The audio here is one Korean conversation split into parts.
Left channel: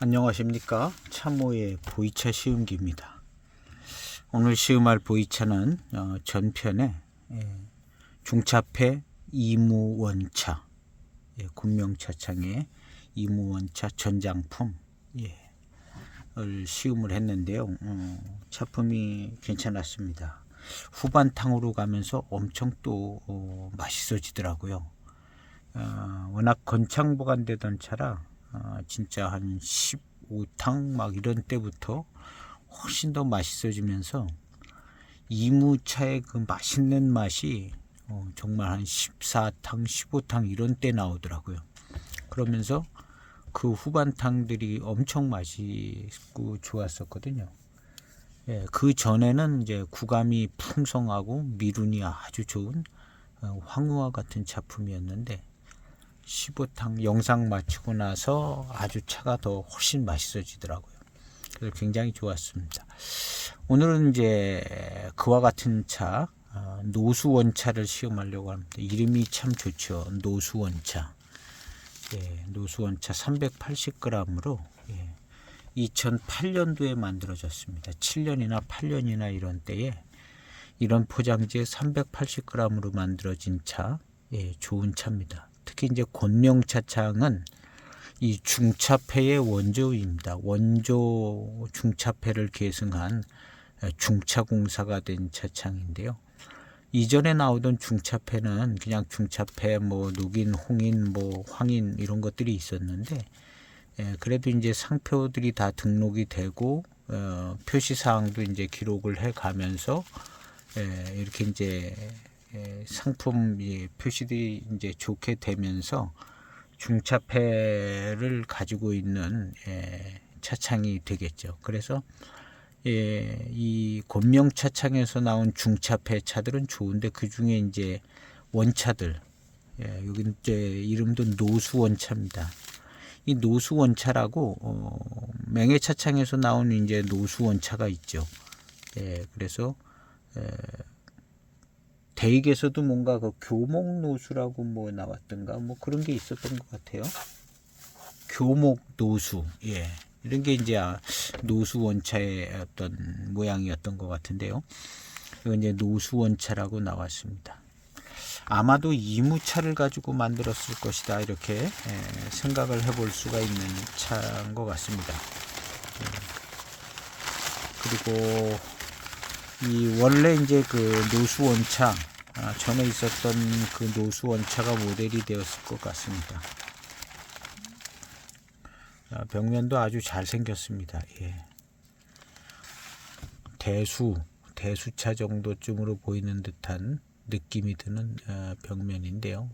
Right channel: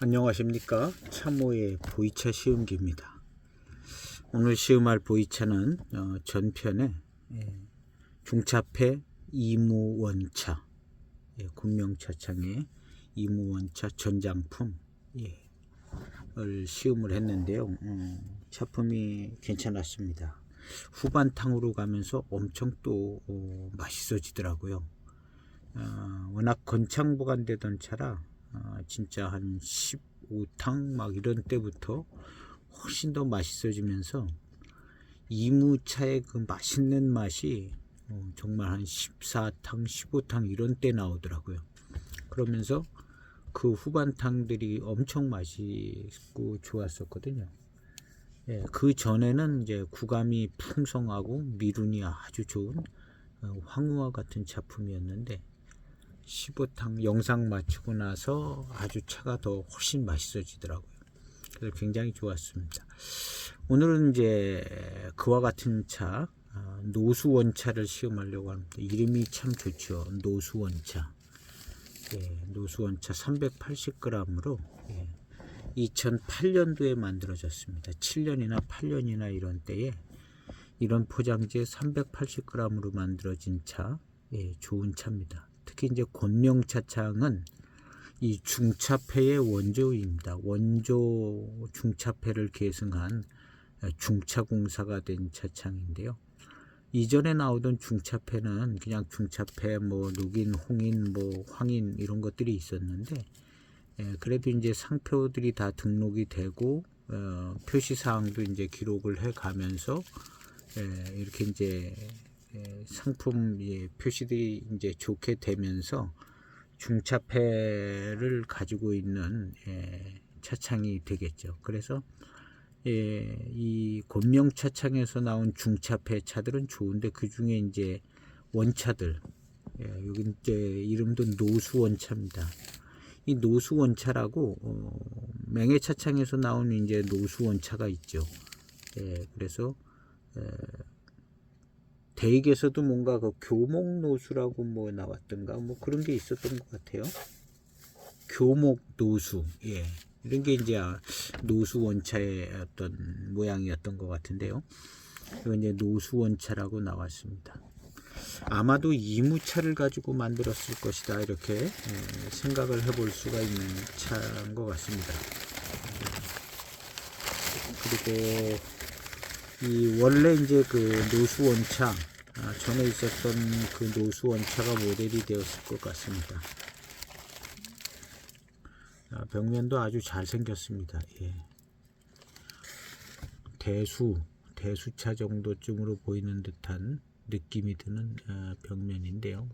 안녕하십니까. 참호의 보이차 시음기입니다. 오늘 시음할 보이차는 전편에 중차폐 이무원차, 군명차창의 이무원차 전장품 을 시음을 했는데요. 차품이 괜찮았습니다. 후반탕으로 가면서 엄청 또 맛있어지더라고요. 워낙 건창보관되던 차라 진짜 한 15탕 막 이런 때부터 훨씬 더 맛있어지면서 이무차의 그 맛있는 맛이 정말 한 14탕 15탕 이런 때 나오더라고요. 그러면서 그 후반탕들이 엄청 맛있고 좋았었거든요. 그 전에는 이제 구감이 풍성하고 미륜이 아주 좋은 황후와 같은 작품이었는데 15탕 영상 마치고 나서 아주 차가 더 훨씬 맛있어지더라고요. 그래서 굉장히 좋았습니다. 오늘은 이제 그와 같은 차 노수원차를 시음하려고 합니다. 이름이 참 좋죠. 노수원차. 노수원차 380g으로 2008년도에 만들어졌습니다. 7년이나 8년이나 이런 때에 이런 포장지에 380g으로 만들어진 차, 좋은 차입니다. 특히 이제 권명차창은 이 중차폐의 원조입니다. 원조 중차폐를 계승한 중차공사가 된 차창인데요. 이전에 나오던 중차폐는 그냥 중차폐, 뭐 녹인, 홍인, 뭐 황인 이런 것들이 있었는데, 그래도 이제 상표들이 다 등록이 되고 표시 사항도 이제 기록을 해 가면서 이렇게 이제 상품 표시들이 이제 좋게 되면서 중차폐를 가지고 있는 차창이 되겠죠. 그래서 이 권명 차창에서 나온 중차폐 차들은 좋은데 그 중에 이제 원차들, 여기 이제 이름도 노수원차입니다. 이 노수원차라고 맹해 차창에서 나온 이제 노수원차가 있죠. 그래서 대익에서도 뭔가 그 교목노수라고 뭐 나왔던가 뭐 그런 게 있었던 것 같아요. 교목노수, 이런 게 이제 노수원차의 어떤 모양이었던 것 같은데요. 이건 이제 노수원차라고 나왔습니다. 아마도 이무차를 가지고 만들었을 것이다 이렇게 생각을 해볼 수가 있는 차인 것 같습니다. 그리고 이 원래 이제 그 노수원차 전에 있었던 그 노수원차가 모델이 되었을 것 같습니다. 벽면도 아주 잘 생겼습니다. 대수차 정도쯤으로 보이는 듯한 느낌이 드는 벽면인데요.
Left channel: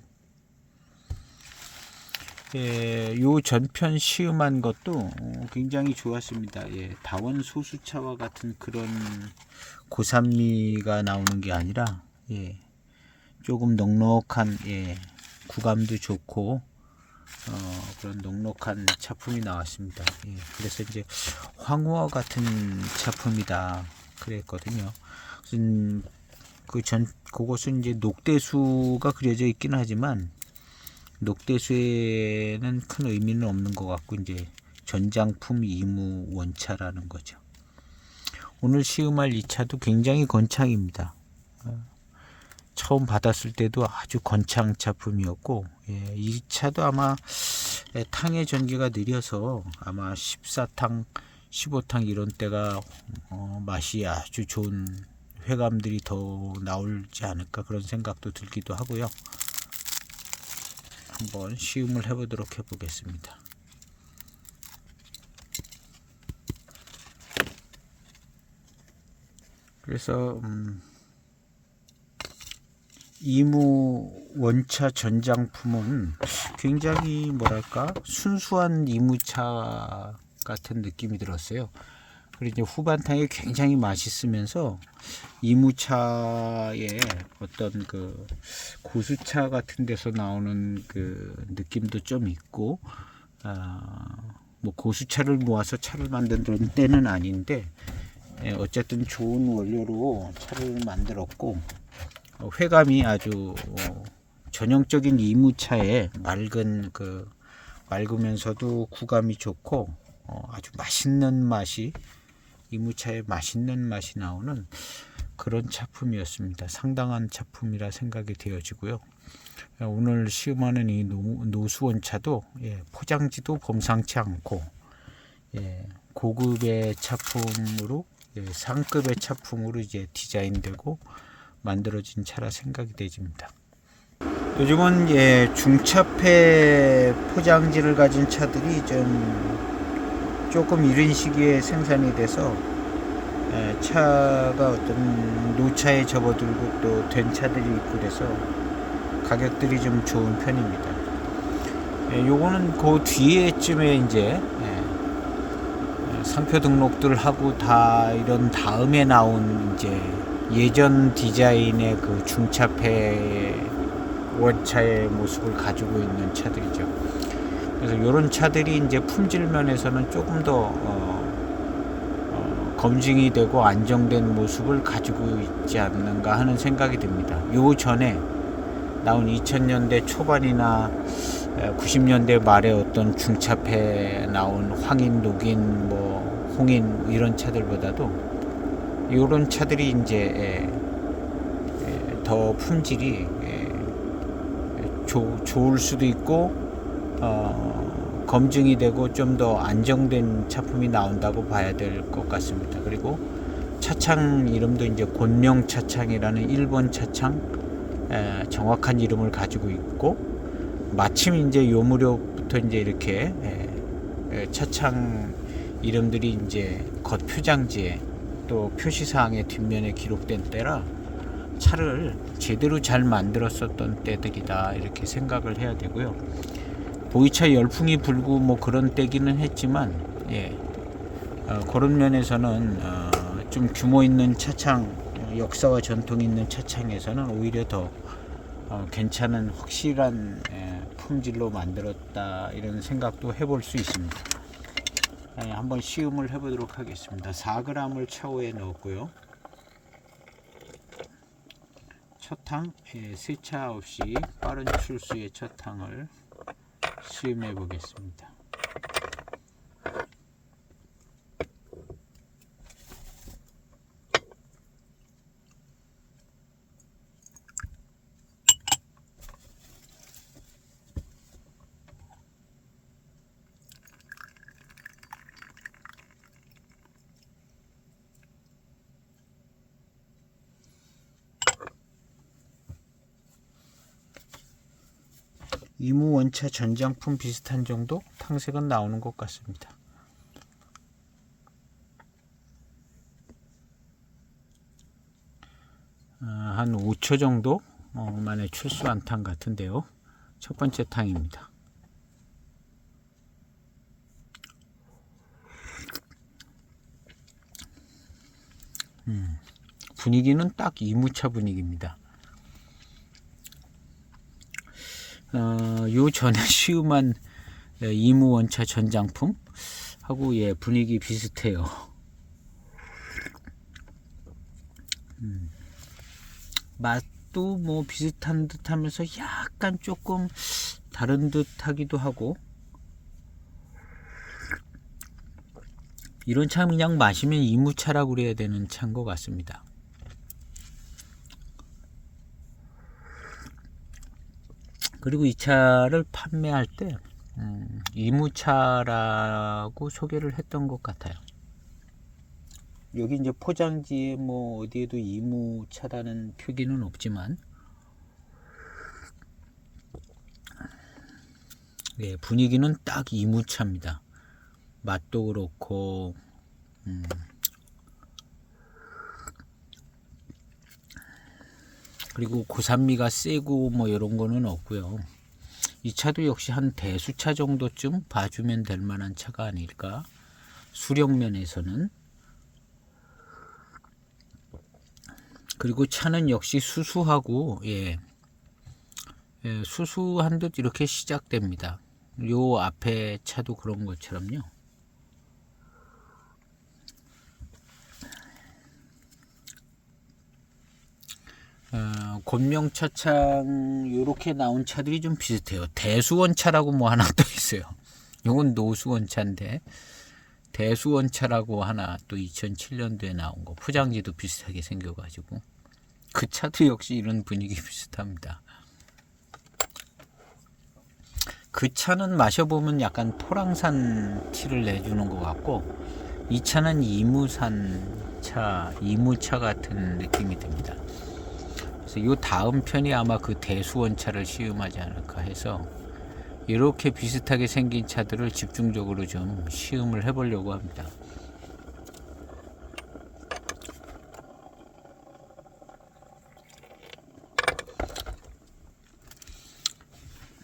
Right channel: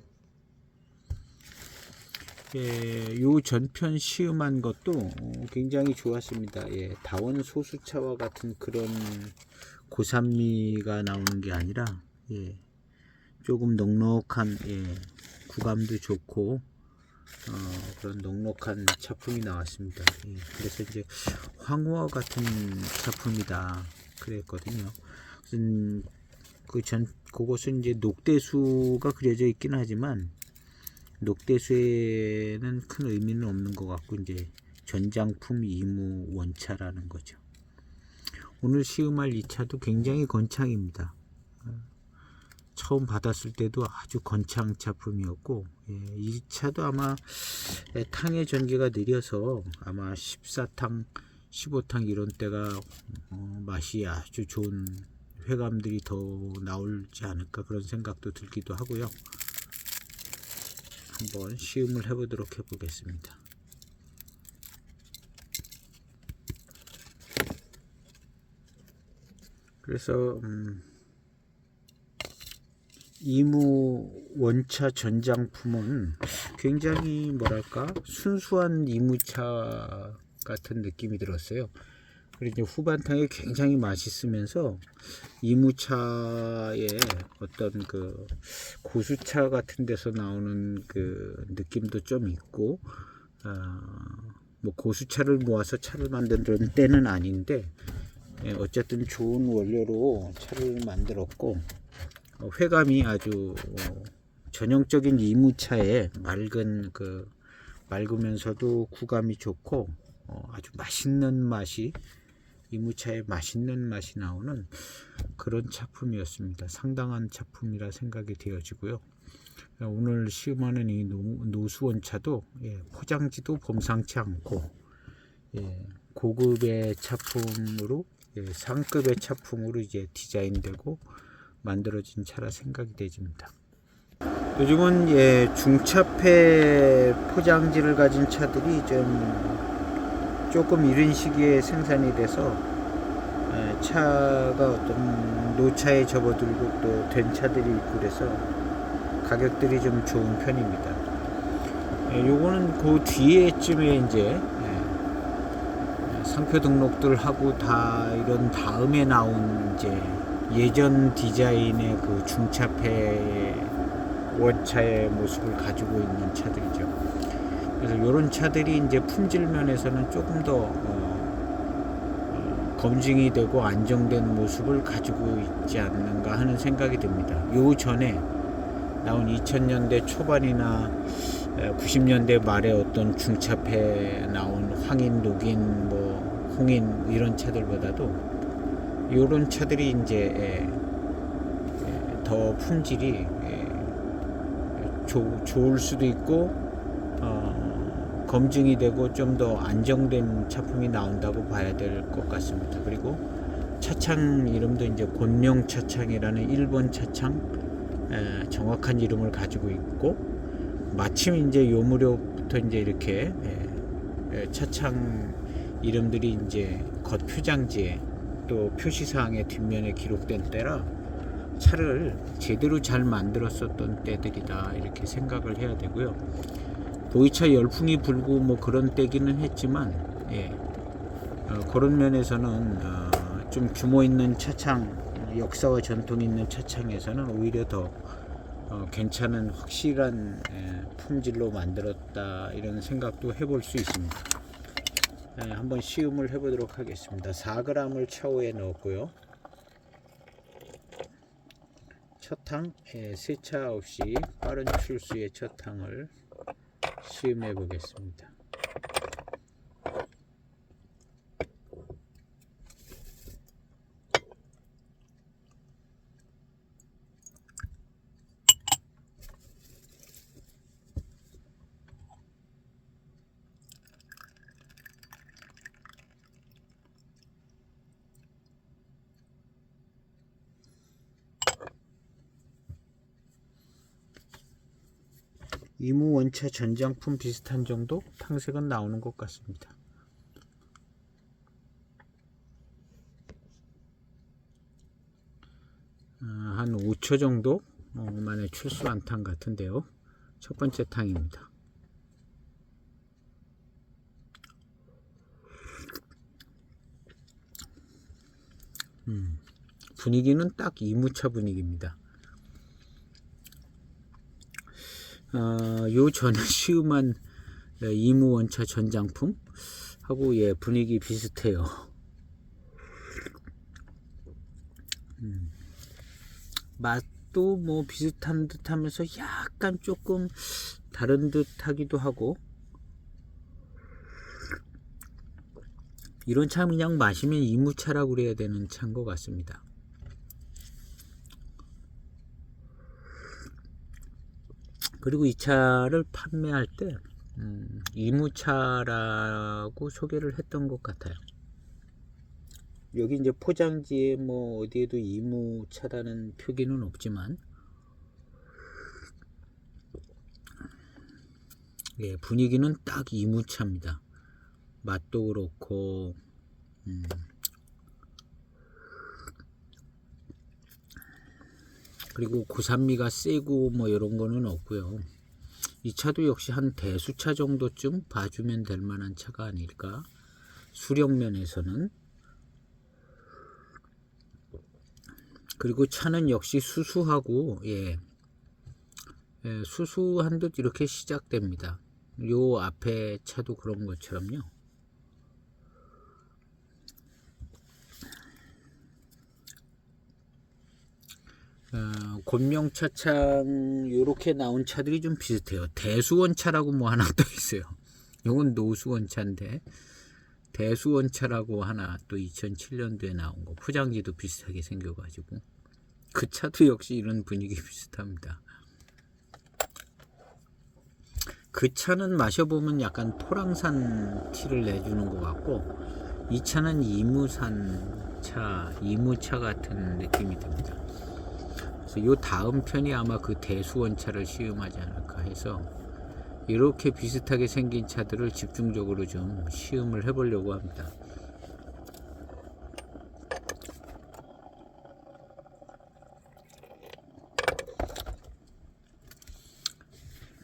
요 전편 시음한 것도 굉장히 좋았습니다. 다원 소수차와 같은 그런 고산미가 나오는 게 아니라 조금 넉넉한 구감도 좋고 그런 넉넉한 차품이 나왔습니다. 그래서 이제 황후와 같은 차품이다 그랬거든요. 그곳은 이제 녹대수가 그려져 있기는 하지만 녹대수에는 큰 의미는 없는 것 같고 이제 전장품 이무 원차라는 거죠. 오늘 시음할 이 차도 굉장히 건창입니다. 처음 받았을 때도 아주 건창 차품이었고 이 차도 아마 탕의 전기가 느려서 아마 14탕 15탕 이런 때가 맛이 아주 좋은 회감들이 더 나올지 않을까 그런 생각도 들기도 하고요. 한번 시음을 해보도록 해보겠습니다. 그래서 이무 원차 전장품은 굉장히 뭐랄까 순수한 이무차 같은 느낌이 들었어요. 그리고 이제 후반탕이 굉장히 맛있으면서 이무차의 어떤 그 고수차 같은 데서 나오는 그 느낌도 좀 있고, 뭐 고수차를 모아서 차를 만드는 때는 아닌데 어쨌든 좋은 원료로 차를 만들었고 회감이 아주 전형적인 이무차의 맑으면서도 구감이 좋고 아주 맛있는 맛이, 이무차의 맛있는 맛이 나오는 그런 차품이었습니다. 상당한 차품이라 생각이 되어지고요. 오늘 시음하는 이 노수원차도 포장지도 범상치 않고 고급의 차품으로, 상급의 차품으로 이제 디자인되고 만들어진 차라 생각이 되집니다. 요즘은 중차폐 포장지를 가진 차들이 조금 이른 시기에 생산이 돼서 차가 어떤 노차에 접어들고 또 된 차들이 있고 그래서 가격들이 좀 좋은 편입니다. 요거는 그 뒤에쯤에 이제 상표 등록들 하고 다 이런 다음에 나온 이제 예전 디자인의 그 중차폐 원차의 모습을 가지고 있는 차들이죠. 그래서 이런 차들이 이제 품질 면에서는 조금 더 검증이 되고 안정된 모습을 가지고 있지 않는가 하는 생각이 듭니다. 요 전에 나온 2000년대 초반이나 90년대 말에 어떤 중차폐 나온 황인, 녹인, 홍인 이런 차들보다도 이런 차들이 이제 더 품질이 좋을 수도 있고 검증이 되고 좀 더 안정된 차품이 나온다고 봐야 될 것 같습니다. 그리고 차창 이름도 이제 곤룡 차창이라는 일본 차창 정확한 이름을 가지고 있고, 마침 이제 요 무렵부터 이제 이렇게 차창 이름들이 이제 겉 표장지에 또 표시사항의 뒷면에 기록된 때라 차를 제대로 잘 만들었었던 때들이다 이렇게 생각을 해야 되고요. 보이차 열풍이 불고 뭐 그런 때기는 했지만 그런 면에서는 좀 규모 있는 차창, 역사와 전통이 있는 차창에서는 오히려 더 괜찮은 확실한 품질로 만들었다 이런 생각도 해볼 수 있습니다. 한번 시음을 해보도록 하겠습니다. 4g을 차오에 넣었고요. 첫탕 세차 없이 빠른 출수의 첫탕을 시음해 보겠습니다. 이무 원차 전장품 비슷한 정도 탕색은 나오는 것 같습니다. 한 5초 정도 만에 출수한 탕 같은데요. 첫 번째 탕입니다. 분위기는 딱 이무차 분위기입니다. 요 전에 시음한 이무 원차 전장품 하고 분위기 비슷해요. 맛도 뭐 비슷한 듯 하면서 약간 조금 다른 듯 하기도 하고, 이런 차 그냥 마시면 이무차라고 그래야 되는 차인 것 같습니다. 그리고 이 차를 판매할 때 이무차라고 소개를 했던 것 같아요. 여기 이제 포장지에 뭐 어디에도 이무차라는 표기는 없지만 분위기는 딱 이무차입니다. 맛도 그렇고 그리고 고산미가 세고 뭐 이런 거는 없고요. 이 차도 역시 한 대수차 정도쯤 봐주면 될 만한 차가 아닐까. 수령면에서는. 그리고 차는 역시 수수하고 수수한 듯 이렇게 시작됩니다. 요 앞에 차도 그런 것처럼요. 곤명차창 요렇게 나온 차들이 좀 비슷해요. 대수원차라고 뭐 하나 또 있어요. 요건 노수원차인데 대수원차라고 하나 또 2007년도에 나온 거, 포장지도 비슷하게 생겨가지고 그 차도 역시 이런 분위기 비슷합니다. 그 차는 마셔보면 약간 포랑산 티를 내주는 것 같고, 이 차는 이무산 차, 이무차 같은 느낌이 듭니다. 그래서 이 다음 편이 아마 그 대수원차를 시음하지 않을까 해서 이렇게 비슷하게 생긴 차들을 집중적으로 좀 시음을 해보려고 합니다.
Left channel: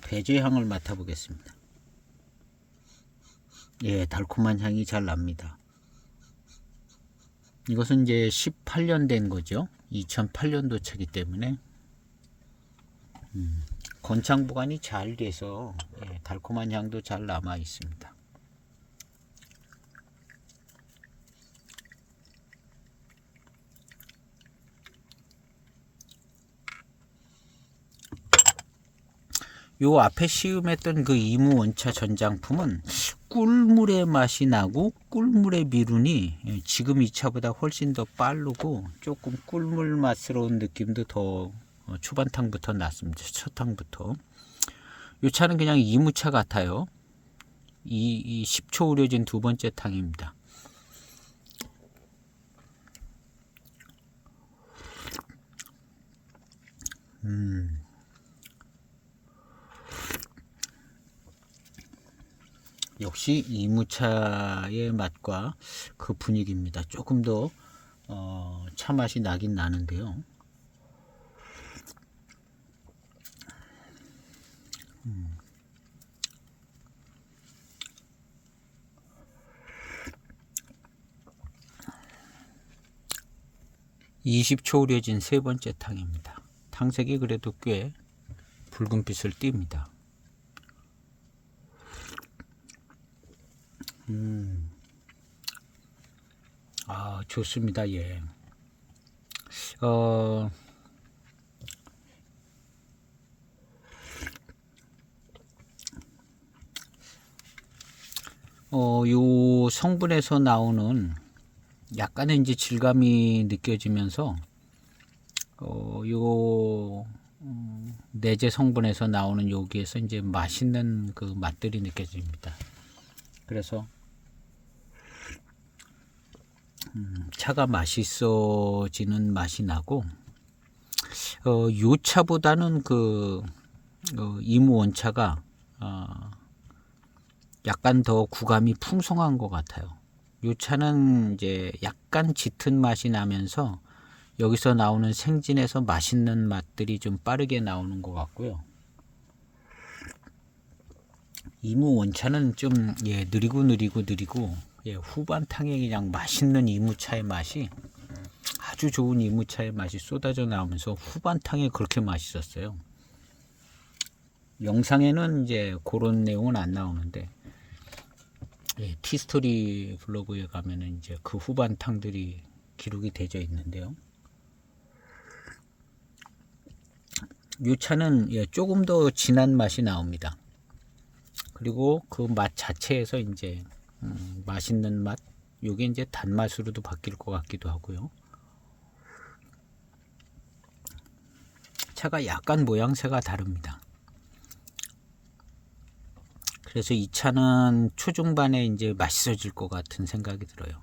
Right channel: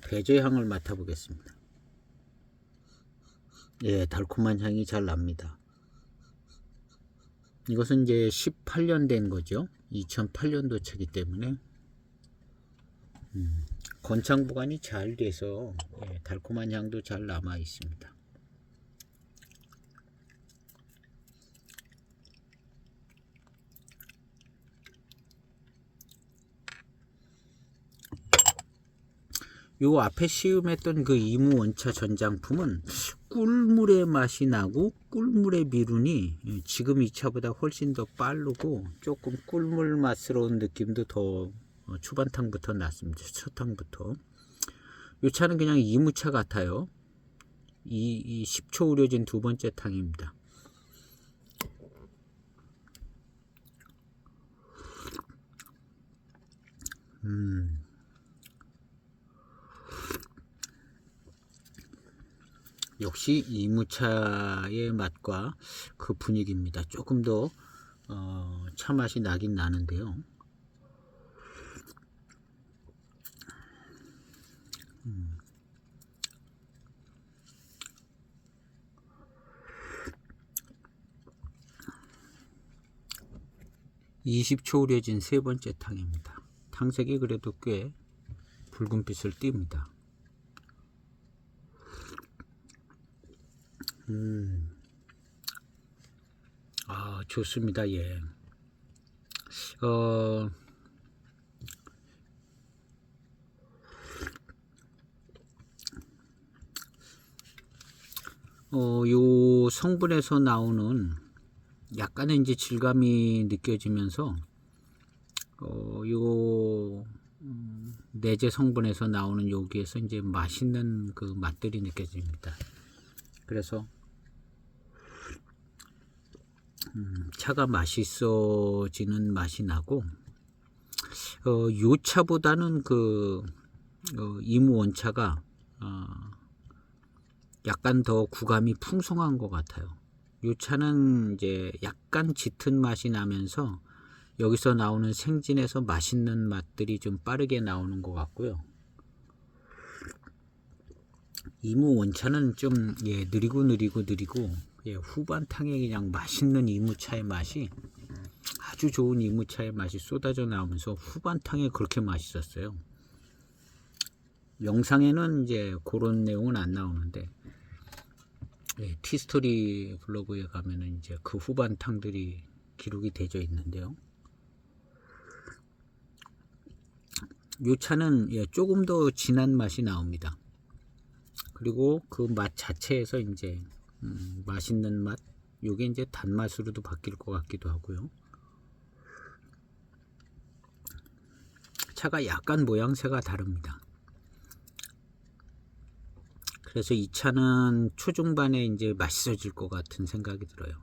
배제향을 맡아보겠습니다. 예, 달콤한 향이 잘 납니다. 이것은 이제 18년 된 거죠. 2008년도 차기 때문에 건창 보관이 잘 돼서 달콤한 향도 잘 남아 있습니다. 요 앞에 시음했던 그 이무 원차 전장품은 꿀물의 맛이 나고 꿀물의 미륜이 지금 이 차보다 훨씬 더 빠르고 조금 꿀물 맛스러운 느낌도 더 초반탕부터 났습니다. 첫 탕부터. 이 차는 그냥 이무차 같아요. 이 10초 우려진 두 번째 탕입니다. 역시 이무차의 맛과 그 분위기입니다. 조금 더 차 맛이 나긴 나는데요. 20초 우려진 세 번째 탕입니다. 탕색이 그래도 꽤 붉은빛을 띱니다. 아, 좋습니다. 예. 요 성분에서 나오는 약간의 이제 질감이 느껴지면서 요 내재 성분에서 나오는 여기에서 이제 맛있는 그 맛들이 느껴집니다. 그래서 차가 맛있어지는 맛이 나고, 요 차보다는 그 이무 원차가 약간 더 구감이 풍성한 것 같아요. 요 차는 이제 약간 짙은 맛이 나면서 여기서 나오는 생진에서 맛있는 맛들이 좀 빠르게 나오는 것 같고요. 이무 원차는 좀 느리고 후반 탕에 그냥 맛있는 이무차의 맛이, 아주 좋은 이무차의 맛이 쏟아져 나오면서 후반 탕에 그렇게 맛있었어요. 영상에는 이제 그런 내용은 안 나오는데 티스토리 블로그에 가면은 이제 그 후반 탕들이 기록이 되어 있는데요. 이 차는 조금 더 진한 맛이 나옵니다. 그리고 그 맛 자체에서 이제 맛있는 맛, 요게 이제 단맛으로도 바뀔 것 같기도 하고요. 차가 약간 모양새가 다릅니다. 그래서 이 차는 초중반에 이제 맛있어질 것 같은 생각이 들어요.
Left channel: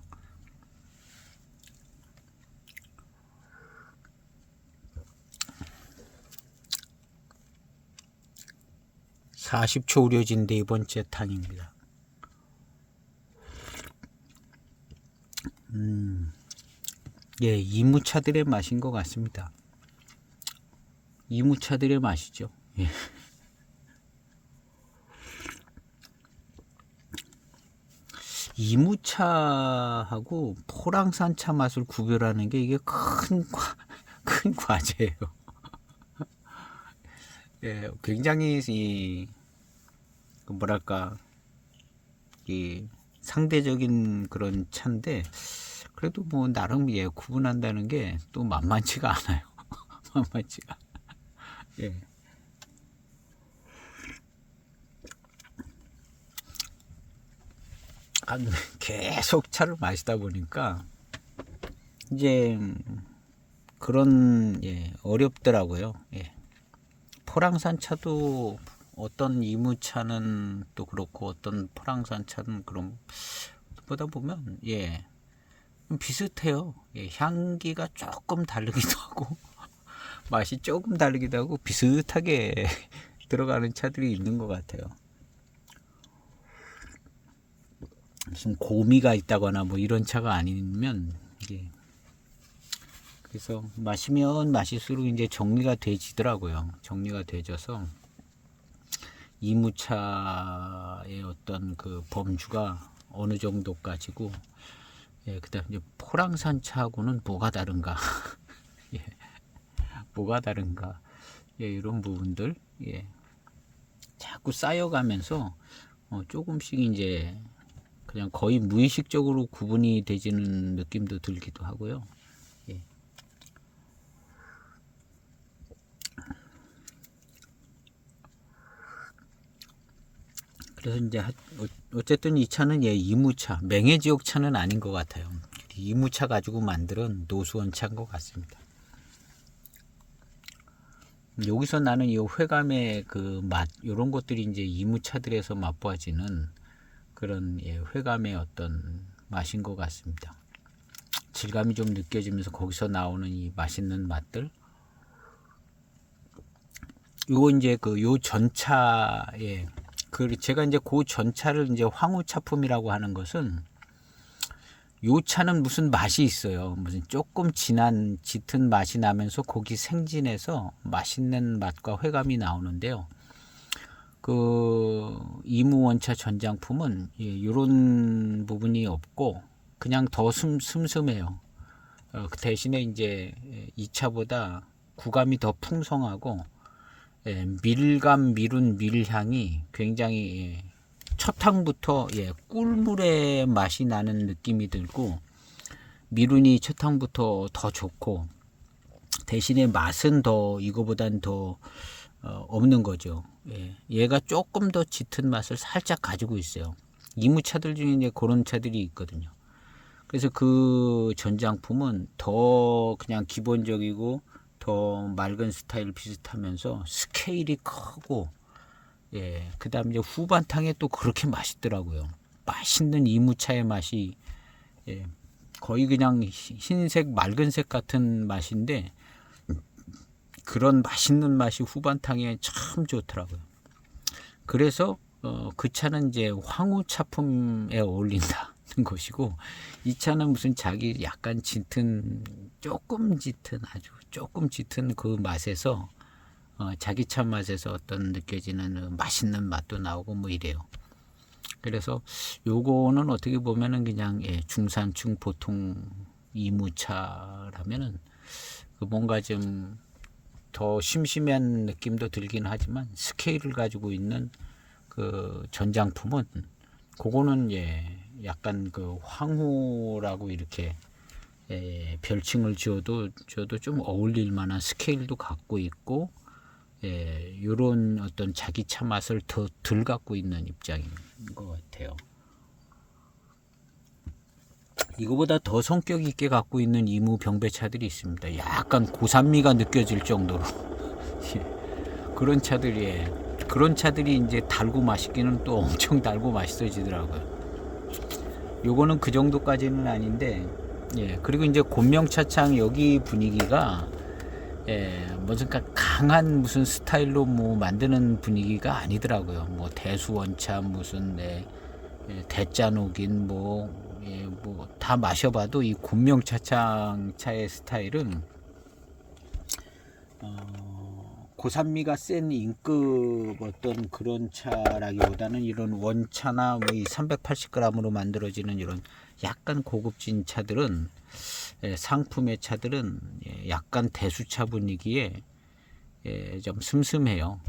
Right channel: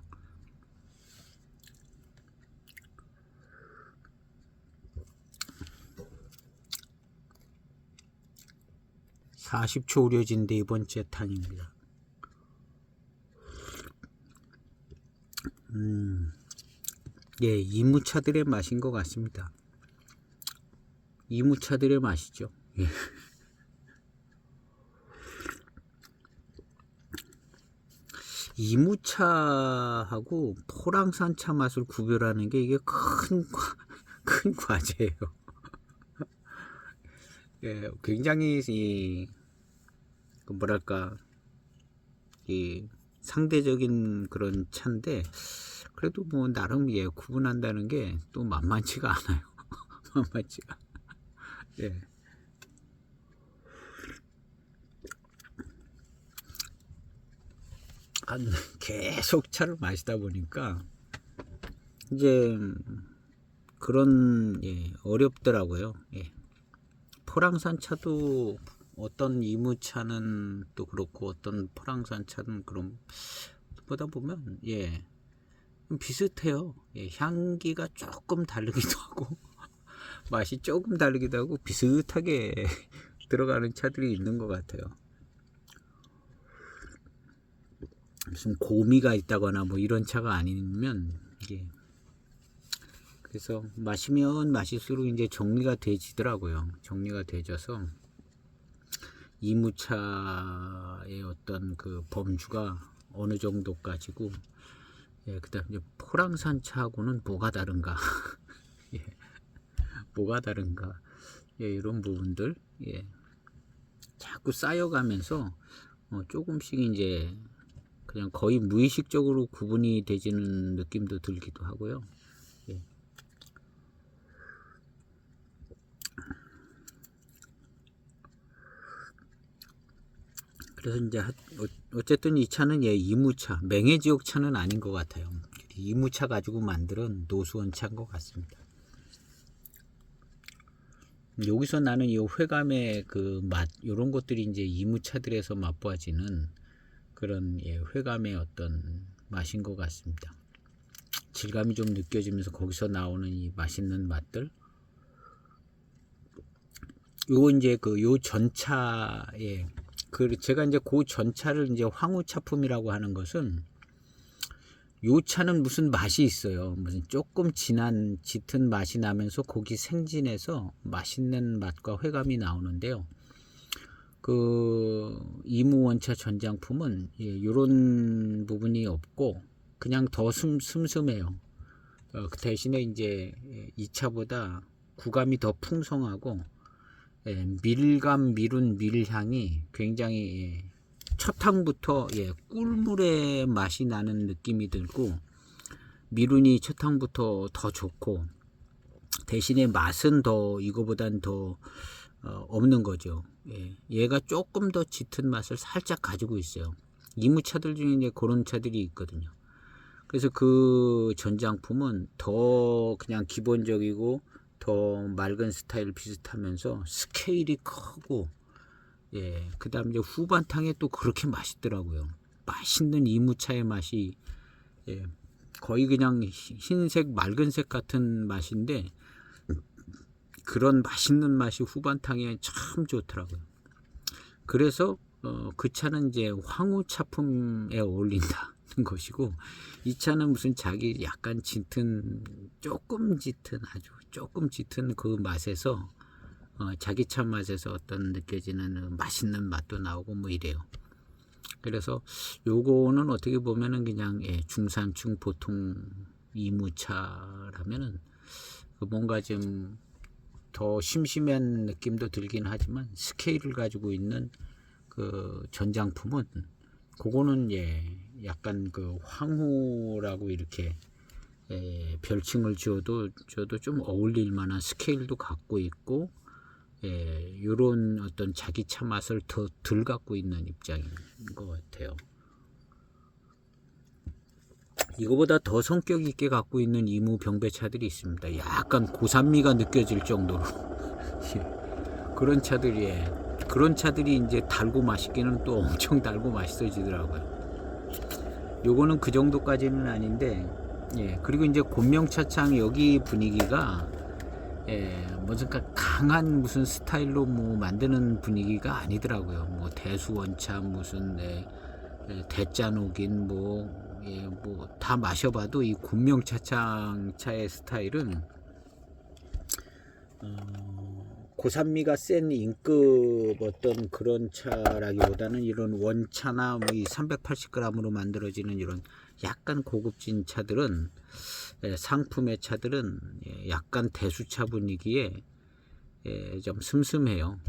(40초) 우려진 네 번째 탕입니다. 예, 이무차들의 맛인 것 같습니다. 이무차들의 맛이죠. 예. 이무차하고 포랑산차 맛을 구별하는 게 이게 큰 과제예요. 예, 굉장히 뭐랄까, 상대적인 그런 차인데, 그래도 뭐 나름 구분한다는 게 또 만만치가 않아요. 만만치가. 예. 계속 차를 마시다 보니까 이제 그런 어렵더라고요. 포랑산 차도 어떤 이무차는 또 그렇고 어떤 포랑산 차는 그럼 보다 보면 비슷해요. 향기가 조금 다르기도 하고 맛이 조금 다르기도 하고 비슷하게 들어가는 차들이 있는 것 같아요. 무슨 고미가 있다거나 뭐 이런 차가 아니면 이게 그래서 마시면 마실수록 이제 정리가 돼지더라고요. 정리가 돼져서 이무차의 어떤 그 범주가 어느 정도까지고, 그다음 이제 포랑산 차하고는 뭐가 다른가, 뭐가 다른가, 이런 부분들, 자꾸 쌓여가면서 조금씩 이제 그냥 거의 무의식적으로 구분이 되지는 느낌도 들기도 하고요. 그래서 이제 어쨌든 이 차는 이무차, 맹해지옥 차는 아닌 것 같아요. 이무차 가지고 만든 노수원 차인 것 같습니다. 여기서 나는 이 회감의 그 맛, 이런 것들이 이제 이무차들에서 맛보아지는 그런 회감의 어떤 맛인 것 같습니다. 질감이 좀 느껴지면서 거기서 나오는 이 맛있는 맛들. 요거 이제 요 전차에 제가 이제 그 전차를 이제 황후차품이라고 하는 것은 요 차는 무슨 맛이 있어요. 무슨 조금 진한 짙은 맛이 나면서 고기 생진해서 맛있는 맛과 회감이 나오는데요. 그 이무원차 전장품은 이런 부분이 없고 그냥 더 슴슴해요. 그 대신에 이제 이 차보다 구감이 더 풍성하고 밀감, 밀운, 밀향이 굉장히 첫 항부터 꿀물의 맛이 나는 느낌이 들고 밀운이 첫 항부터 더 좋고 대신에 맛은 더 이거보단 더 없는 거죠. 얘가 조금 더 짙은 맛을 살짝 가지고 있어요. 이무차들 중에 이제 그런 차들이 있거든요. 그래서 그 전장품은 더 그냥 기본적이고 더 맑은 스타일 비슷하면서 스케일이 크고 그 다음 이제 후반탕에 또 그렇게 맛있더라고요. 맛있는 이무차의 맛이 거의 그냥 흰색 맑은색 같은 맛인데 그런 맛있는 맛이 후반탕에 참 좋더라고요. 그래서 그 차는 이제 황후차품에 어울린다는 것이고 이 차는 무슨 자기 약간 짙은 조금 짙은 아주 조금 짙은 그 맛에서 자기 차 맛에서 어떤 느껴지는 맛있는 맛도 나오고 뭐 이래요. 그래서 요거는 어떻게 보면은 그냥 중산층 보통 이무차라면은 뭔가 좀 더 심심한 느낌도 들긴 하지만 스케일을 가지고 있는 그 전장품은 그거는 약간 그 황후라고 이렇게 별칭을 지어도 좀 어울릴 만한 스케일도 갖고 있고 이런 어떤 자기 차 맛을 더 덜 갖고 있는 입장인 것 같아요. 이거보다 더 성격 있게 갖고 있는 이무 병배차들이 있습니다. 약간 고산미가 느껴질 정도로 그런 차들이 그런 차들이 이제 달고 맛있기는 또 엄청 달고 맛있어지더라고요. 요거는 그 정도까지는 아닌데 그리고 이제 곤명차창 여기 분위기가 무슨 강한 무슨 스타일로 뭐 만드는 분위기가 아니더라고요. 뭐 대수원차 무슨 대짜녹인 뭐 다 마셔봐도 이 곤명차창 차의 스타일은 고산미가 센 인급 어떤 그런 차라기보다는 이런 원차나 뭐 이 380g으로 만들어지는 이런 약간 고급진 차들은 상품의 차들은 약간 대수차 분위기에 좀 슴슴해요.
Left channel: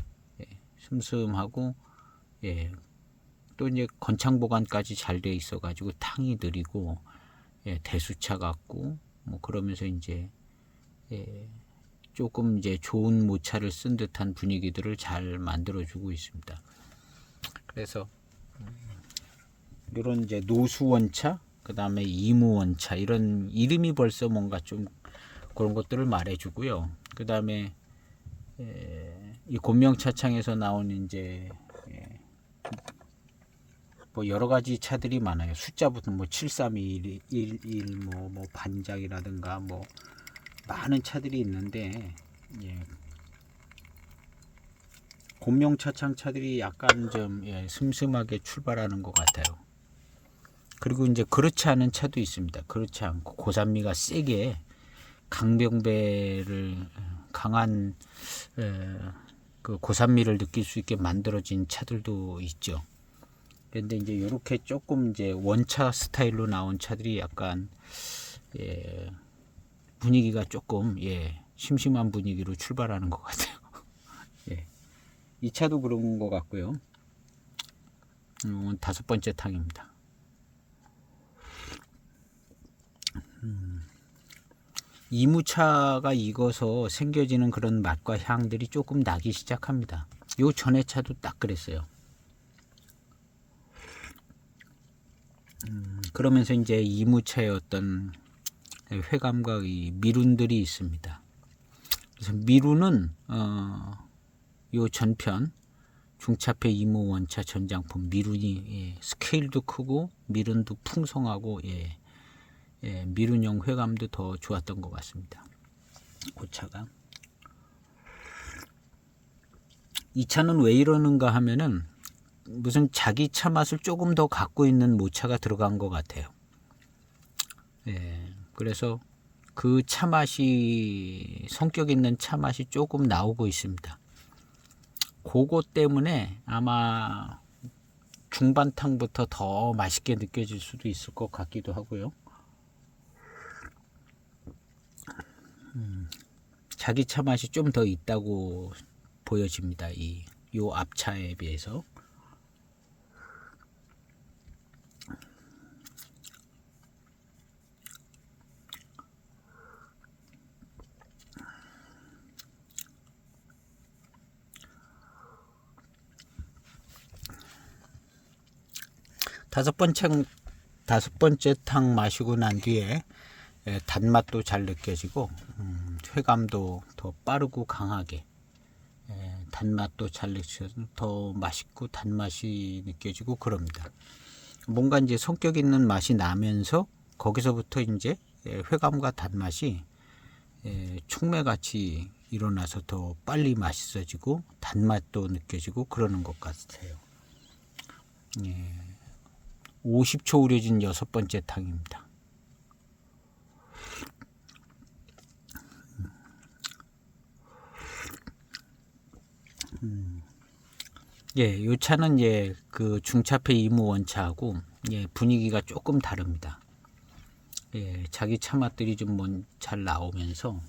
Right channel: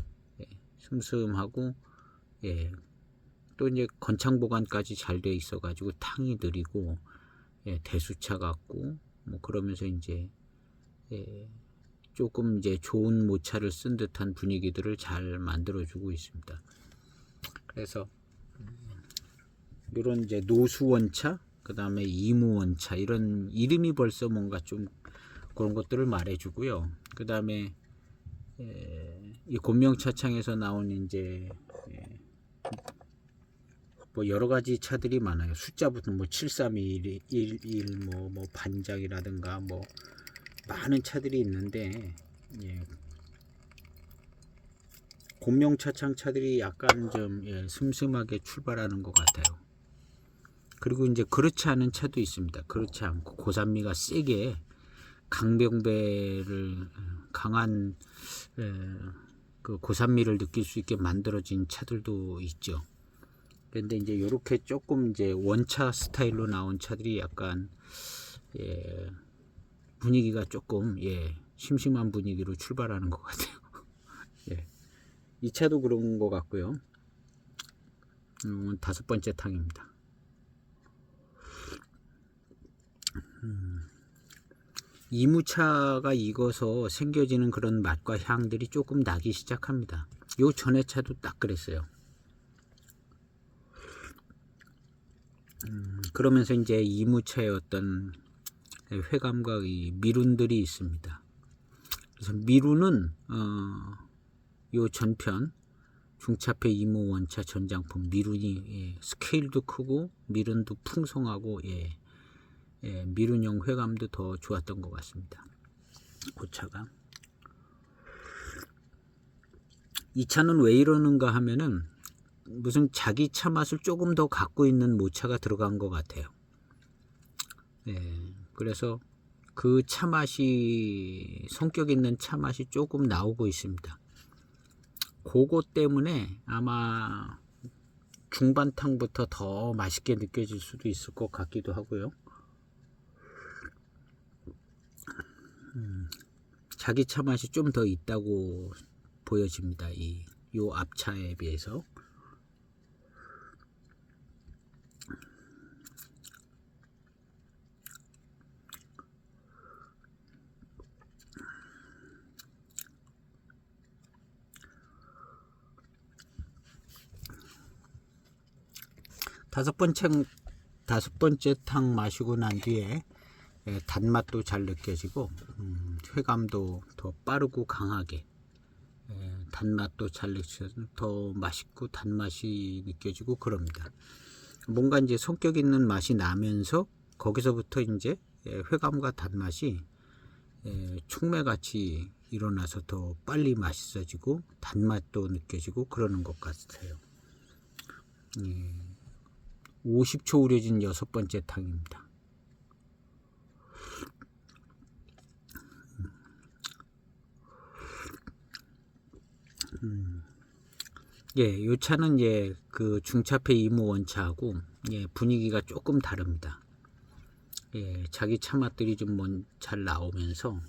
슴슴하고 또 이제 건창 보관까지 잘 되어 있어 가지고 탕이 느리고 대수차 같고 뭐 그러면서 이제 조금 이제 좋은 모차를 쓴 듯한 분위기들을 잘 만들어 주고 있습니다. 그래서 요런 이제 노수원차, 그 다음에 이무원차, 이런 이름이 벌써 뭔가 좀 그런 것들을 말해주고요. 그 다음에 이 곤명차창에서 나온 이제 뭐 여러 가지 차들이 많아요. 숫자부터 뭐 73211 뭐 반작이라든가 뭐 많은 차들이 있는데, 곤명차창 차들이 약간 좀 슴슴하게 출발하는 것 같아요. 그리고 이제 그렇지 않은 차도 있습니다. 그렇지 않고 고산미가 세게 강병배를 강한 그 고산미를 느낄 수 있게 만들어진 차들도 있죠. 그런데 이제 이렇게 조금 이제 원차 스타일로 나온 차들이 약간 분위기가 조금 심심한 분위기로 출발하는 것 같아요. 이 차도 그런 것 같고요. 이건 5번째 탕입니다. 이무차가 익어서 생겨지는 그런 맛과 향들이 조금 나기 시작합니다. 요 전에 차도 딱 그랬어요. 그러면서 이제 이무차의 어떤 회감과 이 미룬들이 있습니다. 그래서 미룬은 요 전편 중차폐 이무원차 전장품 미룬이 스케일도 크고 미룬도 풍성하고 미룬형 회감도 더 좋았던 것 같습니다. 그 차가. 이 차는 왜 이러는가 하면은 무슨 자기 차 맛을 조금 더 갖고 있는 모차가 들어간 것 같아요. 그래서 그 차 맛이, 성격 있는 차 맛이 조금 나오고 있습니다. 그거 때문에 아마 중반탕부터 더 맛있게 느껴질 수도 있을 것 같기도 하고요. 자기 차 맛이 좀 더 있다고 보여집니다. 요 앞차에 비해서. 다섯 번째 탕 마시고 난 뒤에 단맛도 잘 느껴지고 회감도 더 빠르고 강하게, 단맛도 잘 느껴지고 더 맛있고 단맛이 느껴지고 그럽니다. 뭔가 이제 성격 있는 맛이 나면서 거기서부터 이제 회감과 단맛이 촉매같이 일어나서 더 빨리 맛있어지고 단맛도 느껴지고 그러는 것 같아요. 50초 우려진 6번째 탕입니다. 이 차는 그 중차폐 이무원차하고 분위기가 조금 다릅니다. 자기 차 맛들이 좀 잘 나오면서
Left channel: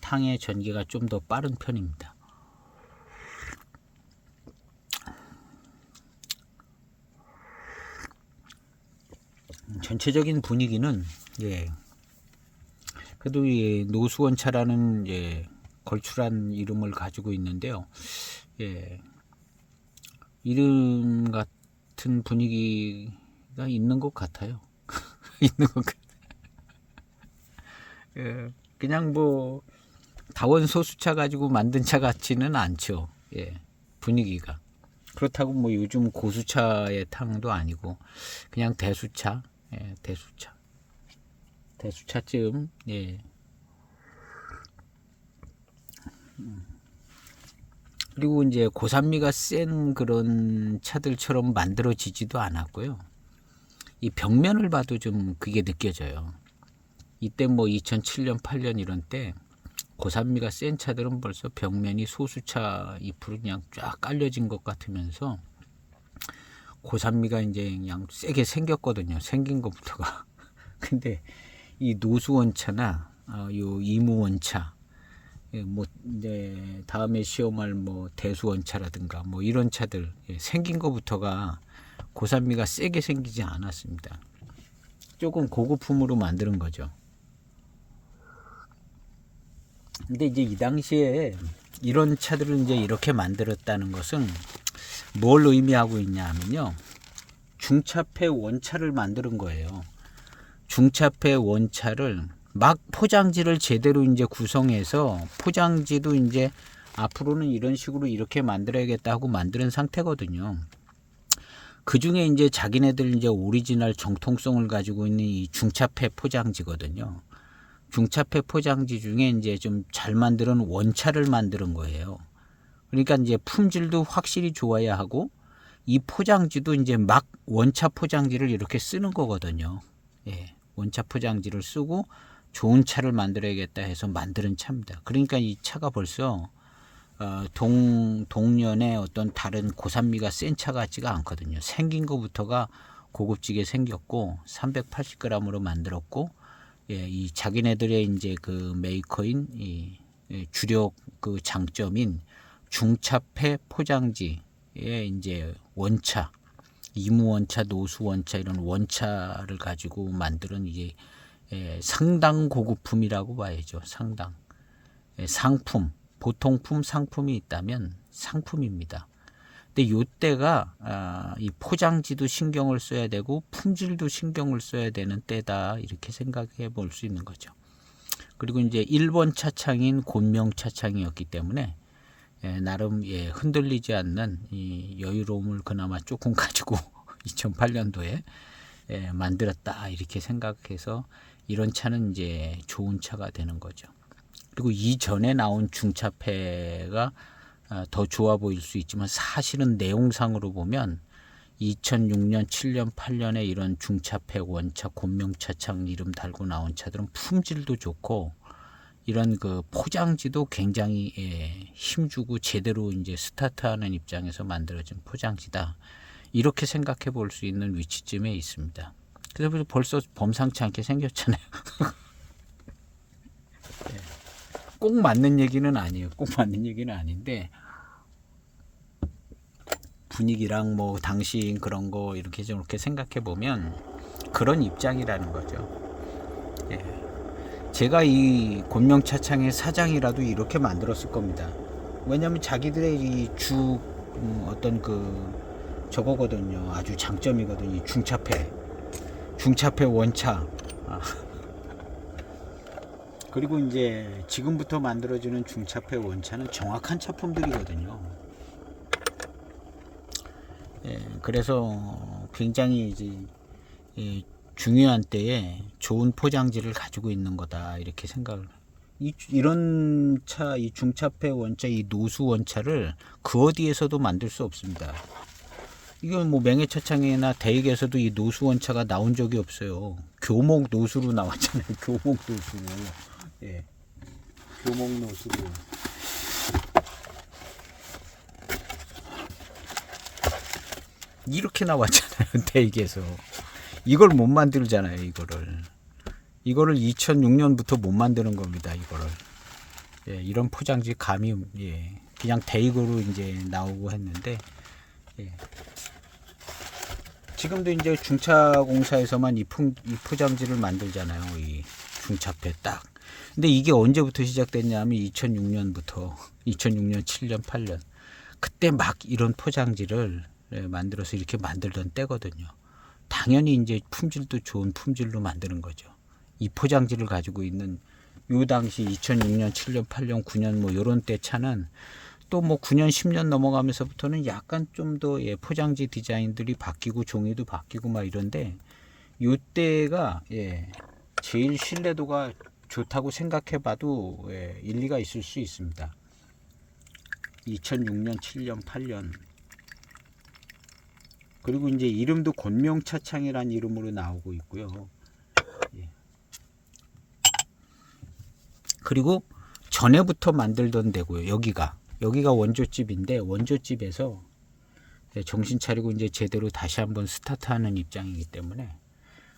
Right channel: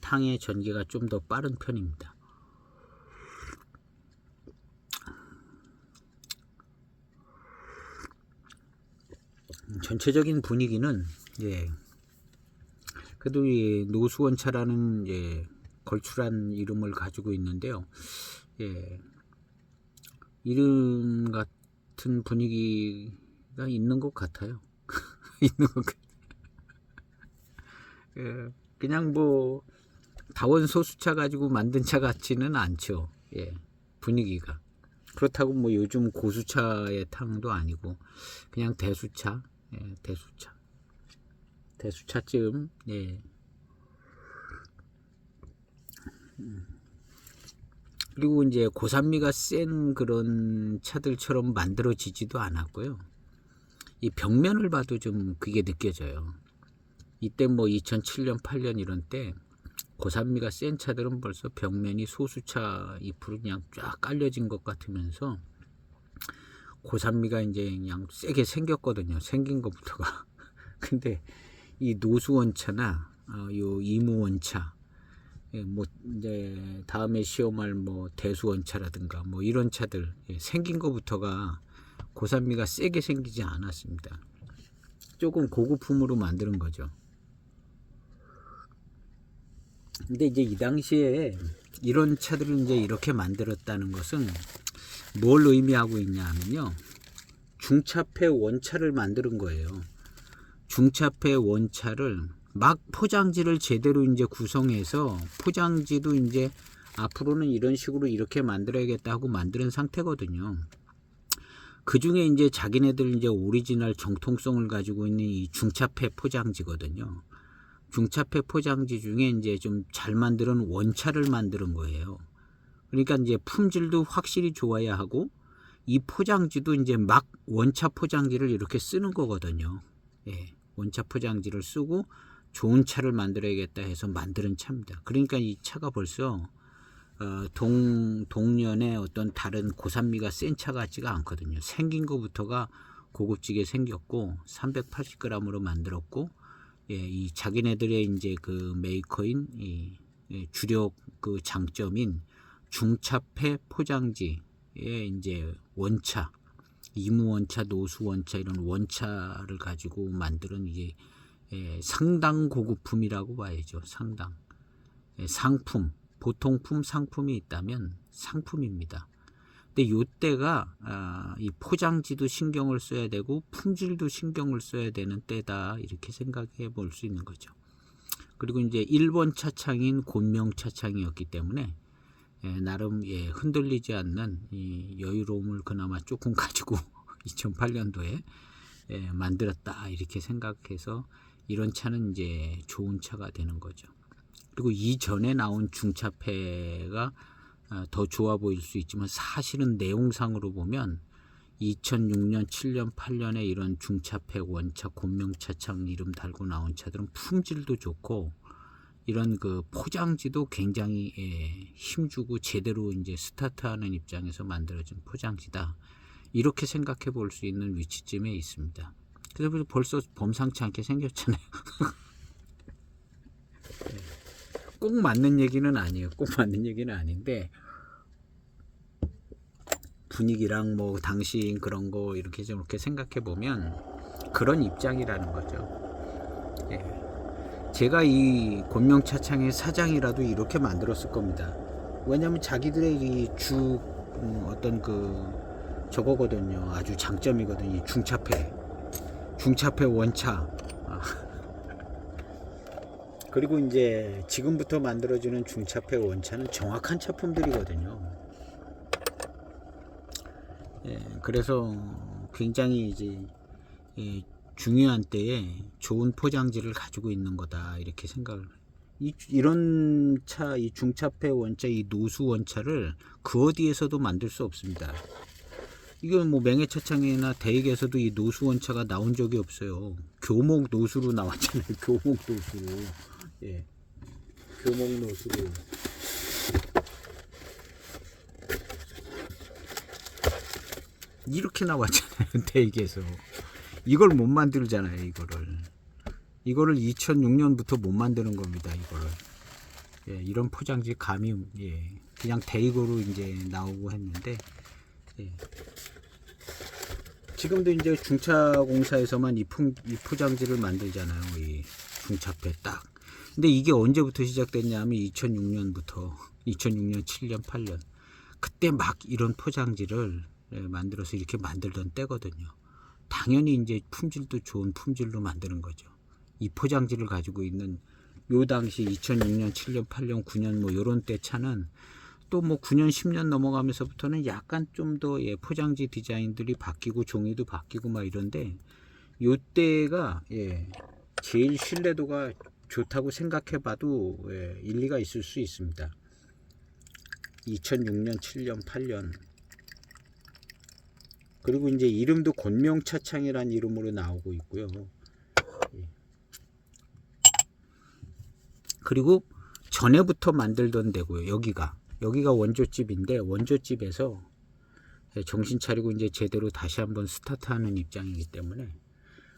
탕의 전개가 좀 더 빠른 편입니다. 전체적인 분위기는 그래도 이 노수원차라는 걸출한 이름을 가지고 있는데요. 이름 같은 분위기가 있는 것 같아요. 있는 것 같아요. 그냥 뭐 다원 소수차 가지고 만든 차 같지는 않죠. 분위기가. 그렇다고 뭐 요즘 고수차의 탕도 아니고 그냥 대수차, 대수차쯤. 그리고 이제 고산미가 센 그런 차들처럼 만들어지지도 않았고요. 이 벽면을 봐도 좀 그게 느껴져요. 이때 뭐 2007년, 8년 이런 때 고산미가 센 차들은 벌써 벽면이 소수차 잎으로 그냥 쫙 깔려진 것 같으면서 고산미가 이제 그냥 세게 생겼거든요. 생긴 것부터가. 근데 이 노수원차나 요 이무원차, 뭐 이제 다음에 시험할 뭐 대수원차라든가 뭐 이런 차들 생긴 것부터가 고산미가 세게 생기지 않았습니다. 조금 고급품으로 만드는 거죠. 근데 이제 이 당시에 이런 차들을 이제 이렇게 만들었다는 것은 뭘 의미하고 있냐 하면요. 중차폐 원차를 만드는 거예요. 중차폐 원차를 막 포장지를 제대로 이제 구성해서 포장지도 이제 앞으로는 이런 식으로 이렇게 만들어야겠다 하고 만드는 상태거든요. 그 중에 이제 자기네들 이제 오리지널 정통성을 가지고 있는 이 중차폐 포장지거든요. 중차폐 포장지 중에 이제 좀 잘 만드는 원차를 만드는 거예요. 그러니까 이제 품질도 확실히 좋아야 하고 이 포장지도 이제 막 원차 포장지를 이렇게 쓰는 거거든요. 예, 원차 포장지를 쓰고 좋은 차를 만들어야겠다 해서 만드는 차입니다. 그러니까 이 차가 벌써 동년의 어떤 다른 고산미가 센 차 같지가 않거든요. 생긴 것부터가 고급지게 생겼고 380g으로 만들었고, 예, 이 자기네들의 이제 그 메이커인 이 주력 그 장점인 중차폐 포장지의 이제 원차, 이무 원차, 노수 원차 이런 원차를 가지고 만드는 이제 상당 고급품이라고 봐야죠. 상당 상품, 보통품, 상품이 있다면 상품입니다. 근데 요때가 이 포장지도 신경을 써야 되고 품질도 신경을 써야 되는 때다 이렇게 생각해 볼 수 있는 거죠. 그리고 이제 일본 차창인 곤명 차창이었기 때문에 나름 흔들리지 않는 이 여유로움을 그나마 조금 가지고 2008년도에 만들었다 이렇게 생각해서 이런 차는 이제 좋은 차가 되는 거죠. 그리고 이전에 나온 중차폐가 더 좋아 보일 수 있지만 사실은 내용상으로 보면 2006년, 7년, 8년에 이런 중차폐 원차, 곤명차창 이름 달고 나온 차들은 품질도 좋고 이런 그 포장지도 굉장히 힘주고 제대로 이제 스타트하는 입장에서 만들어진 포장지다. 이렇게 생각해 볼 수 있는 위치쯤에 있습니다. 그래서 벌써 범상치 않게 생겼잖아요. 꼭 맞는 얘기는 아니에요. 꼭 맞는 얘기는 아닌데 분위기랑 뭐 당시 그런 거 이렇게 저렇게 생각해 보면 그런 입장이라는 거죠. 제가 이 곤명차창의 사장이라도 이렇게 만들었을 겁니다. 왜냐하면 자기들의 이 어떤 그 저거거든요. 아주 장점이거든요. 중차폐 원차. 그리고 이제 지금부터 만들어지는 중차폐 원차는 정확한 차품들이거든요. 그래서 굉장히 이제 중요한 때에 좋은 포장지를 가지고 있는 거다 이렇게 생각을. 이런 차, 이 중차폐 원차, 이 노수 원차를 그 어디에서도 만들 수 없습니다. 이건 뭐 맹해차창이나 대익에서도 이 노수 원차가 나온 적이 없어요. 교목 노수로 나왔잖아요. 교목 노수로. 예. 교목 노수로. 이렇게 나왔잖아요. 대익에서. 이걸 못 만들잖아요. 이거를 2006년부터 못 만드는 겁니다. 이거를. 예, 이런 포장지 감이 그냥 대익으로 이제 나오고 했는데 지금도 이제 중차공사에서만 이 포장지를 만들잖아요. 이 중차폐 딱. 근데 이게 언제부터 시작됐냐면 2006년부터 2006년, 7년, 8년 그때 막 이런 포장지를 만들어서 이렇게 만들던 때거든요. 당연히 이제 품질도 좋은 품질로 만드는 거죠. 이 포장지를 가지고 있는 요 당시 2006년, 7년, 8년, 9년 뭐 요런 때 차는 또 뭐 9년, 10년 넘어가면서부터는 약간 좀 더 포장지 디자인들이 바뀌고 종이도 바뀌고 막 이런데 요 때가 제일 신뢰도가 좋다고 생각해봐도 일리가 있을 수 있습니다. 2006년, 7년, 8년 그리고 이제 이름도 곤명차창이라는 이름으로 나오고 있고요. 그리고 전에부터 만들던 데고요. 여기가 원조집인데 원조집에서 정신 차리고 이제 제대로 다시 한번 스타트하는 입장이기 때문에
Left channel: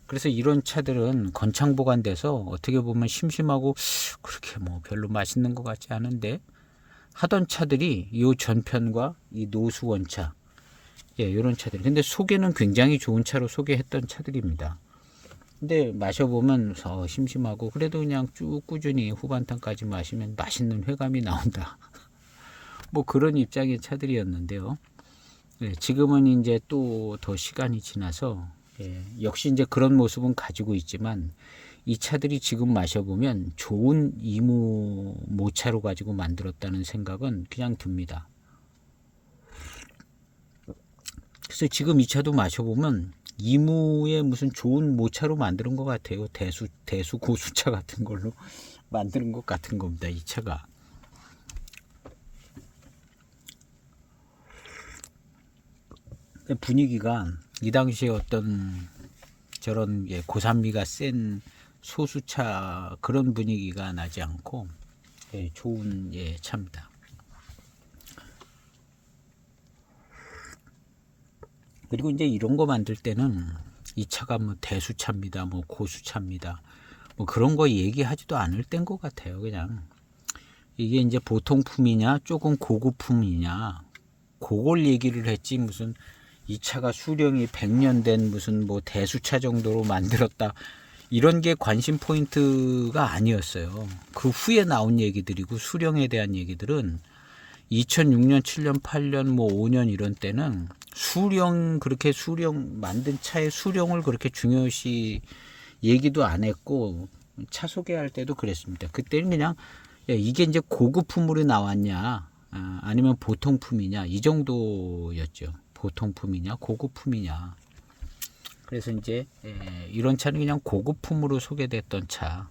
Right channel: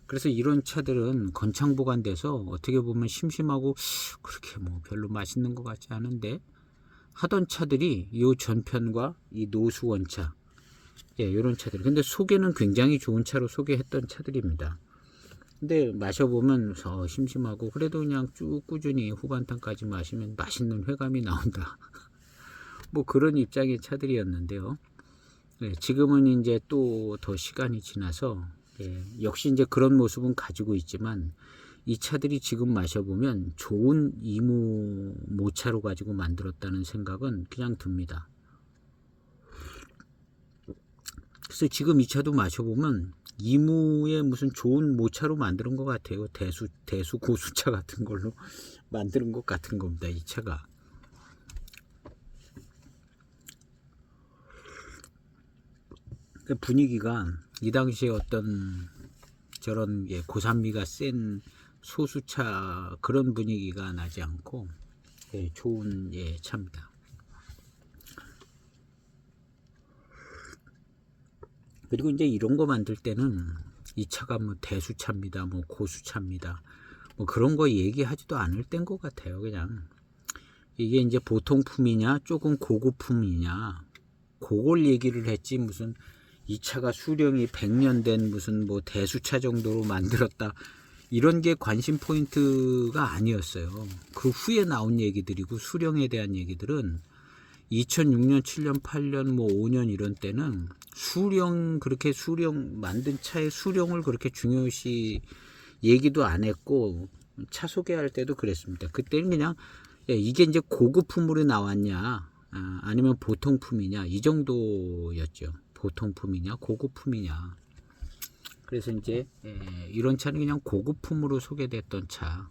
그래서 이런 차들은 건창 보관돼서 어떻게 보면 심심하고 그렇게 뭐 별로 맛있는 것 같지 않은데 하던 차들이 이 전편과 이 노수 원차 이런 차들. 근데 소개는 굉장히 좋은 차로 소개했던 차들입니다. 근데 마셔보면 심심하고 그래도 그냥 쭉 꾸준히 후반탄까지 마시면 맛있는 회감이 나온다. 뭐 그런 입장의 차들이었는데요. 예, 지금은 이제 또 더 시간이 지나서 역시 이제 그런 모습은 가지고 있지만 이 차들이 지금 마셔보면 좋은 이무 모차로 가지고 만들었다는 생각은 그냥 듭니다. 그래서 지금 이 차도 마셔보면 이무의 무슨 좋은 모차로 만드는 것 같아요. 대수 고수차 같은 걸로 만드는 것 같은 겁니다. 이 차가. 분위기가 이 당시에 어떤 저런 고산미가 센 소수차 그런 분위기가 나지 않고 좋은 차입니다. 그리고 이제 이런 거 만들 때는 이 차가 뭐 대수차입니다, 뭐 고수차입니다, 뭐 그런 거 얘기하지도 않을 때인 것 같아요. 그냥 이게 이제 보통품이냐 조금 고급품이냐 그걸 얘기를 했지, 무슨 이 차가 수령이 100년 된 무슨 뭐 대수차 정도로 만들었다 이런 게 관심 포인트가 아니었어요. 그 후에 나온 얘기들이고 수령에 대한 얘기들은 2006년, 7년, 8년, 뭐 5년 이런 때는 그렇게 수령 만든 차의 수령을 그렇게 중요시 얘기도 안 했고 차 소개할 때도 그랬습니다. 그때는 그냥 이게 이제 고급품으로 나왔냐 아니면 보통품이냐 이 정도였죠. 보통품이냐 고급품이냐. 그래서 이제 이런 차는 그냥 고급품으로 소개됐던 차.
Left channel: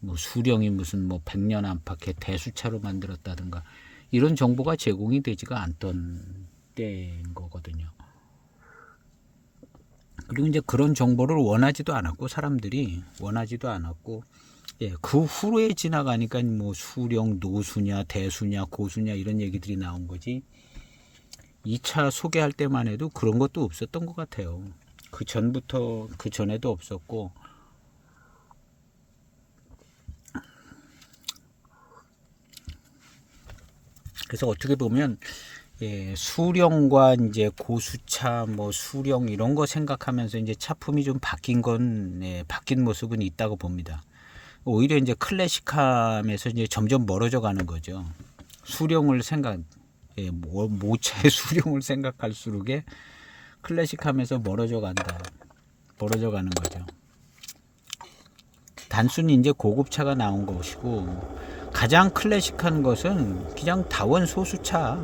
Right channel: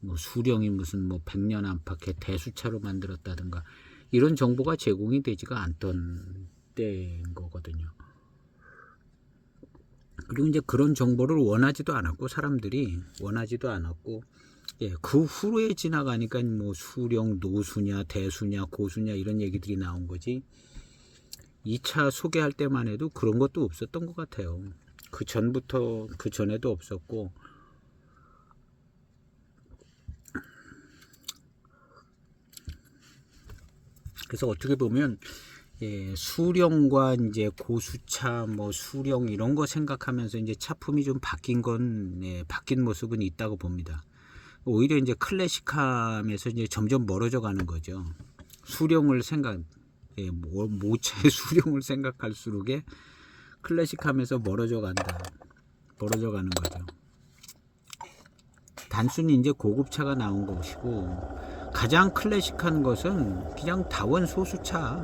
뭐 수령이 무슨 뭐 100년 안팎의 대수차로 만들었다든가 이런 정보가 제공이 되지가 않던 때인 거거든요. 그리고 이제 그런 정보를 원하지도 않았고 사람들이 원하지도 않았고 그 후에 지나가니까 뭐 수령 노수냐 대수냐 고수냐 이런 얘기들이 나온 거지. 이 차 소개할 때만 해도 그런 것도 없었던 것 같아요. 그 전부터 그 전에도 없었고 그래서 어떻게 보면 수령과 이제 고수차 뭐 수령 이런 거 생각하면서 이제 차품이 좀 바뀐 건 바뀐 모습은 있다고 봅니다. 오히려 이제 클래식함에서 이제 점점 멀어져 가는 거죠. 수령을 모차의 수령을 생각할수록에 클래식함에서 멀어져 가는 거죠. 단순히 이제 고급차가 나온 것이고 가장 클래식한 것은 그냥 다원 소수차.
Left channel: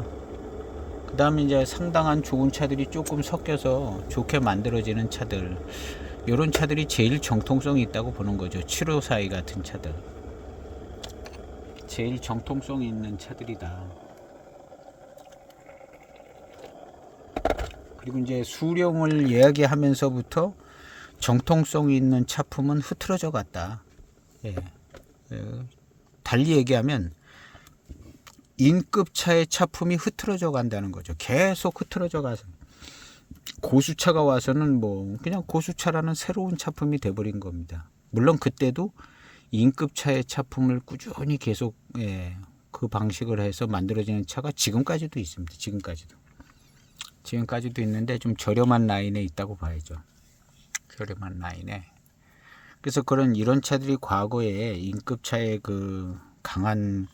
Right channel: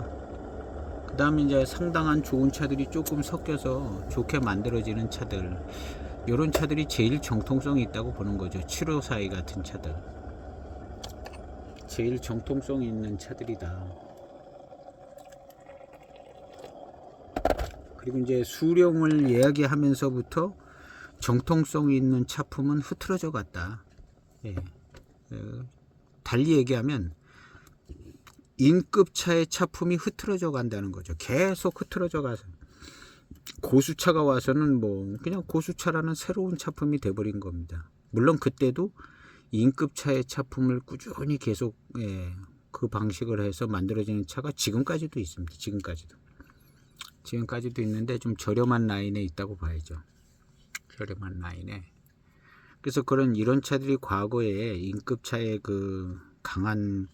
그 다음에 이제 상당한 좋은 차들이 조금 섞여서 좋게 만들어지는 차들. 이런 차들이 제일 정통성이 있다고 보는 거죠. 752 같은 차들. 제일 정통성이 있는 차들이다. 그리고 이제 수령을 이야기하면서부터 정통성이 있는 차품은 흐트러져 갔다. 달리 얘기하면 인급차의 차품이 흐트러져 간다는 거죠. 계속 흐트러져 가서 고수차가 와서는 뭐 그냥 고수차라는 새로운 차품이 돼버린 겁니다. 물론 그때도 인급차의 차품을 꾸준히 계속 그 방식을 해서 만들어지는 차가 지금까지도 있습니다. 지금까지도 있는데 좀 저렴한 라인에 있다고 봐야죠. 저렴한 라인에. 그래서 이런 차들이 과거에 인급차의 그 강한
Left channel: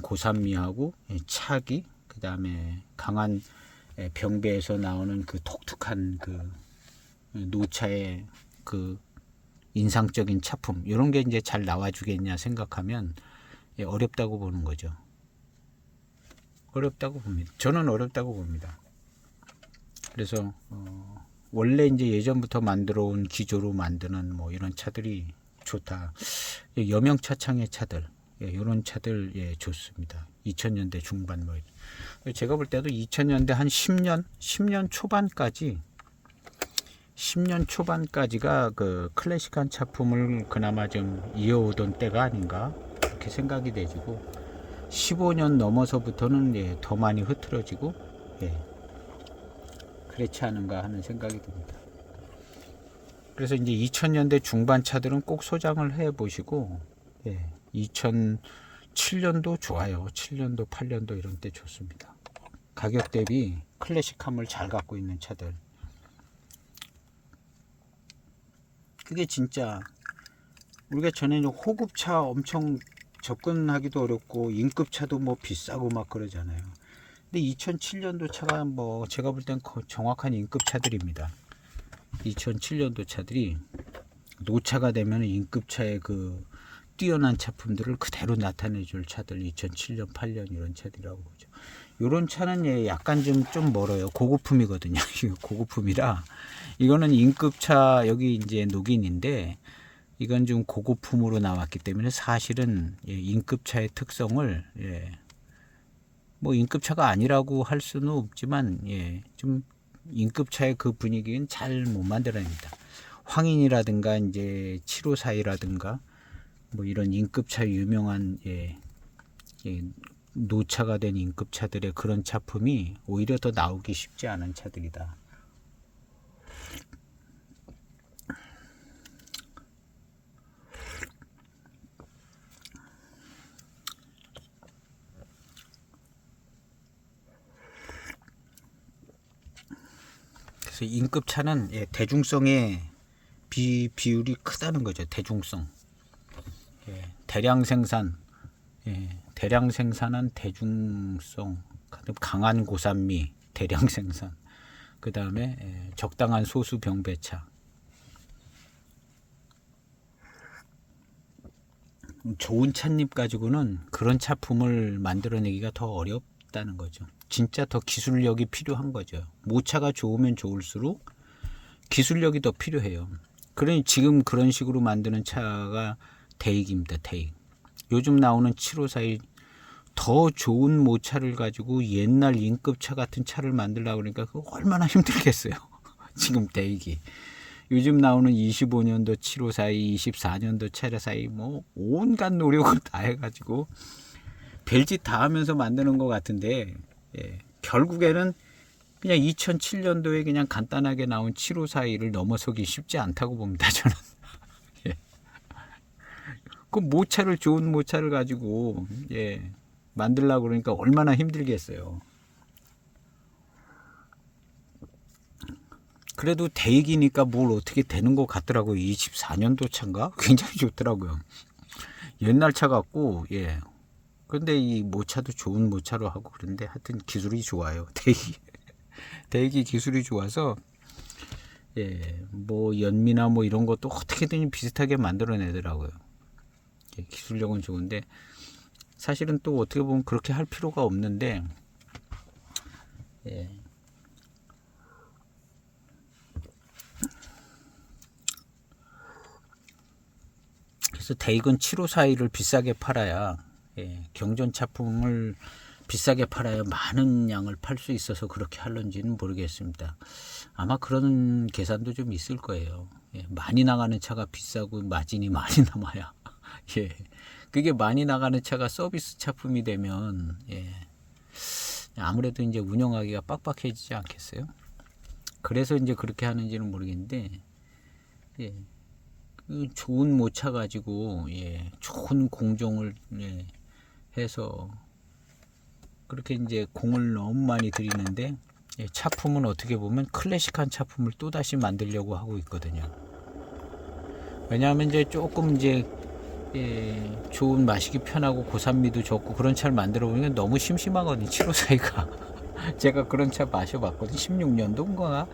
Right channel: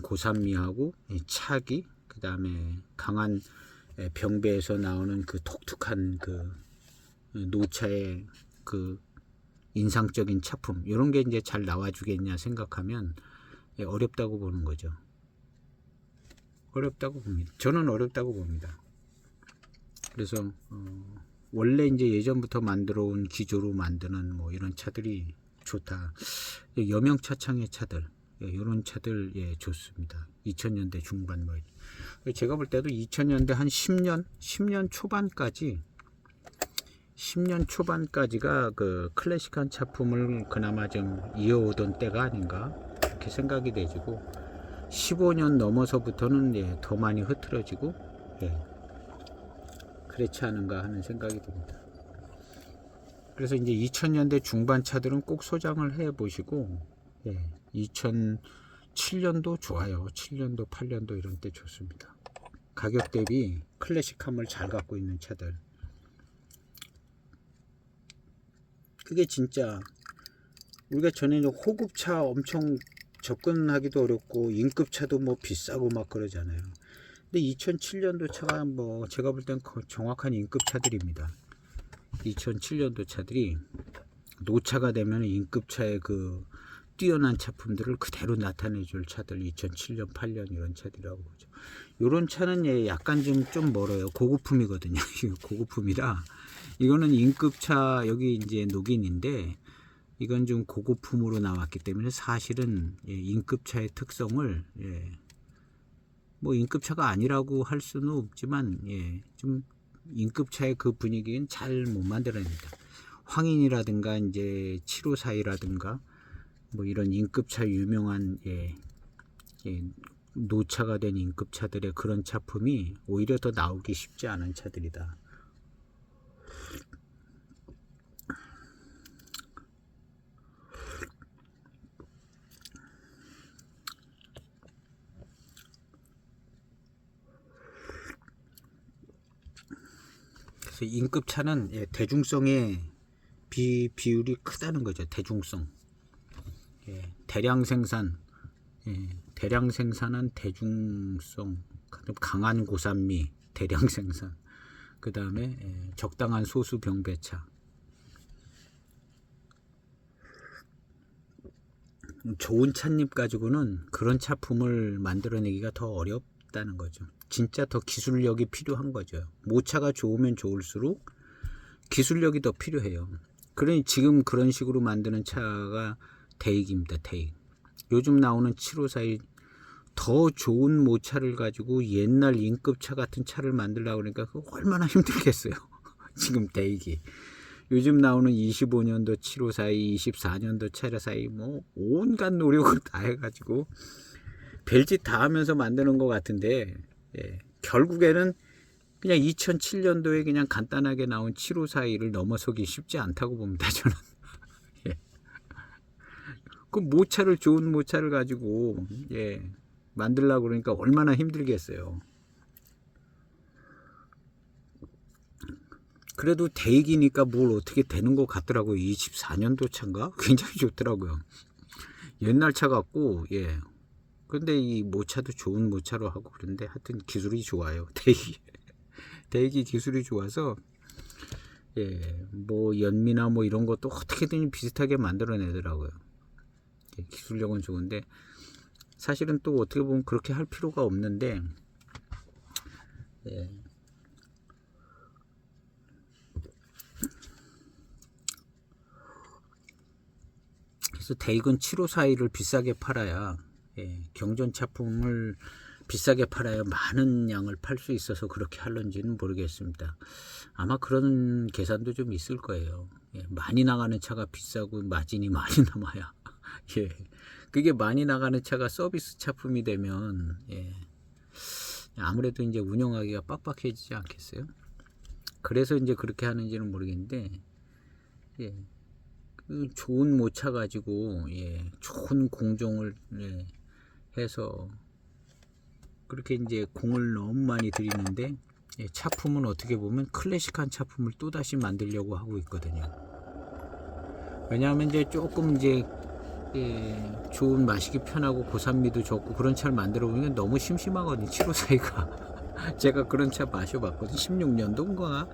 고산미하고 차기, 그 다음에 강한 병배에서 나오는 그 독특한 그 노차의 그 인상적인 차품 이런 게 이제 잘 나와주겠냐 생각하면 어렵다고 보는 거죠. 어렵다고 봅니다. 저는 어렵다고 봅니다. 그래서 원래 이제 예전부터 만들어 온 기조로 만드는 뭐 이런 차들이 좋다. 여명차창의 차들, 이런 차들 좋습니다. 2000년대 중반 뭐 제가 볼 때도 2000년대 한 10년 초반까지가 그 클래식한 차품을 그나마 좀 이어오던 때가 아닌가 그렇게 생각이 되지고 15년 넘어서부터는 더 많이 흐트러지고 그렇지 않은가 하는 생각이 듭니다. 그래서 이제 2000년대 중반 차들은 꼭 소장을 해 보시고 2007년도 좋아요. 7년도 8년도 이런 때 좋습니다. 가격 대비 클래식함을 잘 갖고 있는 차들. 그게 진짜 우리가 전에 호급차 엄청 접근하기도 어렵고 인급차도 뭐 비싸고 막 그러잖아요. 근데 2007년도 차가 뭐 제가 볼 땐 정확한 인급 차들입니다. 2007년도 차들이 노차가 되면 인급차의 그 뛰어난 차품들을 그대로 나타내줄 차들, 2007년, 8년 이런 차들이라고 보죠. 이런 차는 약간 좀 멀어요. 고급품이거든요. 고급품이라 이거는 인급차, 여기 이제 녹인인데 이건 좀 고급품으로 나왔기 때문에 사실은 인급차의 특성을 뭐 인급차가 아니라고 할 수는 없지만 좀 인급차의 그 분위기는 잘 못 만들어냅니다. 황인이라든가 이제 754라든가 뭐 이런 인급차 유명한 노차가 된 인급차들의 그런 차품이 오히려 더 나오기 쉽지 않은 차들이다. 그래서 인급차는 대중성의 비율이 크다는 거죠. 대중성. 대량 생산, 대량 생산한 대중성, 강한 고산미, 대량 생산. 그 다음에 적당한 소수 병배차. 좋은 찻잎 가지고는 그런 차품을 만들어내기가 더 어렵다는 거죠. 진짜 더 기술력이 필요한 거죠. 모차가 좋으면 좋을수록 기술력이 더 필요해요. 그러니 지금 그런 식으로 만드는 차가 대익입니다. 대익. 요즘 나오는 754이 더 좋은 모차를 가지고 옛날 인급차 같은 차를 만들려고 그러니까 그거 얼마나 힘들겠어요. 지금 대익이. 요즘 나오는 25년도 754이, 24년도 754이 뭐 온갖 노력을 다 해가지고 별짓 다 하면서 만드는 것 같은데 결국에는 그냥 2007년도에 그냥 간단하게 나온 7542를 넘어서기 쉽지 않다고 봅니다. 저는. 그 모차를, 좋은 모차를 가지고 만들려고 그러니까 얼마나 힘들겠어요. 그래도 대익이니까 뭘 어떻게 되는 것 같더라고요. 24년도 차인가? 굉장히 좋더라고요. 옛날 차 같고, 근데 이 모차도 좋은 모차로 하고 그런데 하여튼 기술이 좋아요. 대익이 기술이 좋아서, 뭐 연미나 뭐 이런 것도 어떻게든 비슷하게 만들어내더라고요. 기술력은 좋은데, 사실은 또 어떻게 보면 그렇게 할 필요가 없는데, 그래서 대익은 7542를 비싸게 팔아야 경전 차품을 비싸게 팔아야 많은 양을 팔 수 있어서 그렇게 할런지는 모르겠습니다. 아마 그런 계산도 좀 있을 거예요. 많이 나가는 차가 비싸고 마진이 많이 남아야 그게 많이 나가는 차가 서비스 차품이 되면 아무래도 이제 운영하기가 빡빡해지지 않겠어요? 그래서 이제 그렇게 하는지는 모르겠는데 좋은 모차 가지고 좋은 공정을 해서 그렇게 이제 공을 너무 많이 들이는데 차품은 어떻게 보면 클래식한 차품을 또 다시 만들려고 하고 있거든요. 왜냐하면 이제 조금 이제 좋은, 마시기 편하고 고산미도 좋고 그런 차를 만들어 보니까 너무 심심하거든요. 754가 제가 그런 차 마셔봤거든요. 16년도인가.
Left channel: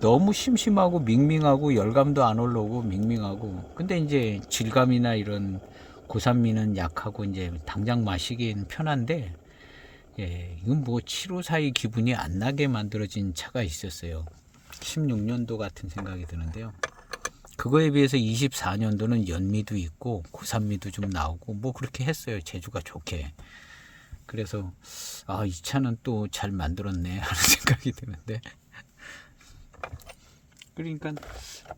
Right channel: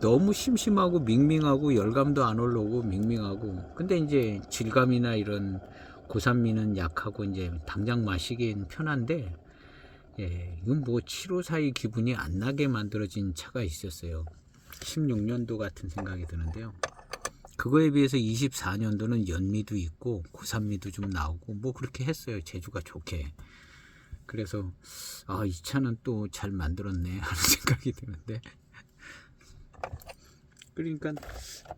너무 심심하고 밍밍하고 열감도 안 올라오고 밍밍하고, 근데 이제 질감이나 이런 고산미는 약하고 이제 당장 마시기엔 편한데 이건 뭐 7542 기분이 안 나게 만들어진 차가 있었어요. 16년도 같은 생각이 드는데요. 그거에 비해서 24년도는 연미도 있고 고산미도 좀 나오고 뭐 그렇게 했어요. 제주가 좋게. 그래서 이 차는 또 잘 만들었네 하는 생각이 드는데, 그러니까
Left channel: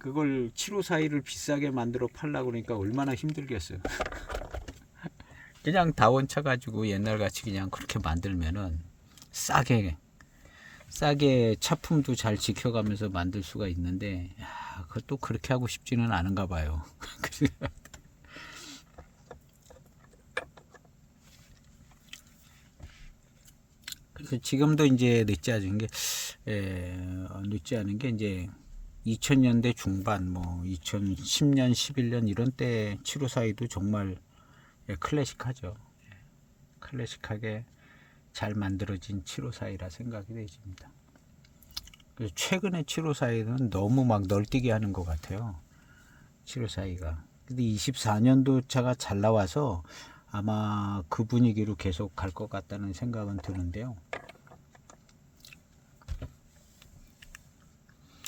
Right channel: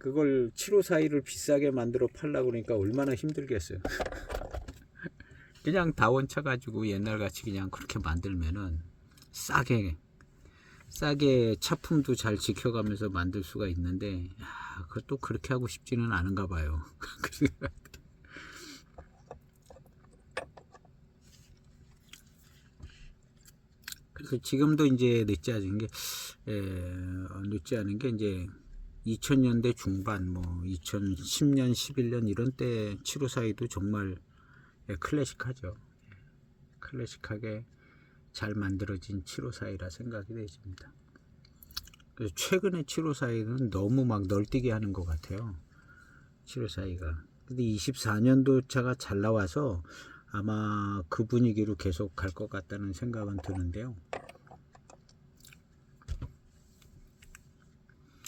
그걸 7542를 비싸게 만들어 팔려고 그러니까 얼마나 힘들겠어요. 그냥 다원차 가지고 옛날같이 그냥 그렇게 만들면은 싸게 차품도 잘 지켜가면서 만들 수가 있는데, 그걸 또 그렇게 하고 싶지는 않은가 봐요. 그래서 지금도 이제 늦지 않은 게 이제 2000년대 중반, 뭐 2010년, 11년 이런 때 7542도 정말 클래식하죠. 클래식하게 잘 만들어진 754이라 생각이 되십니다. 그래서 최근에 754는 너무 막 널뛰게 하는 것 같아요. 754가. 근데 24년도 차가 잘 나와서 아마 그 분위기로 계속 갈 것 같다는 생각은 드는데요.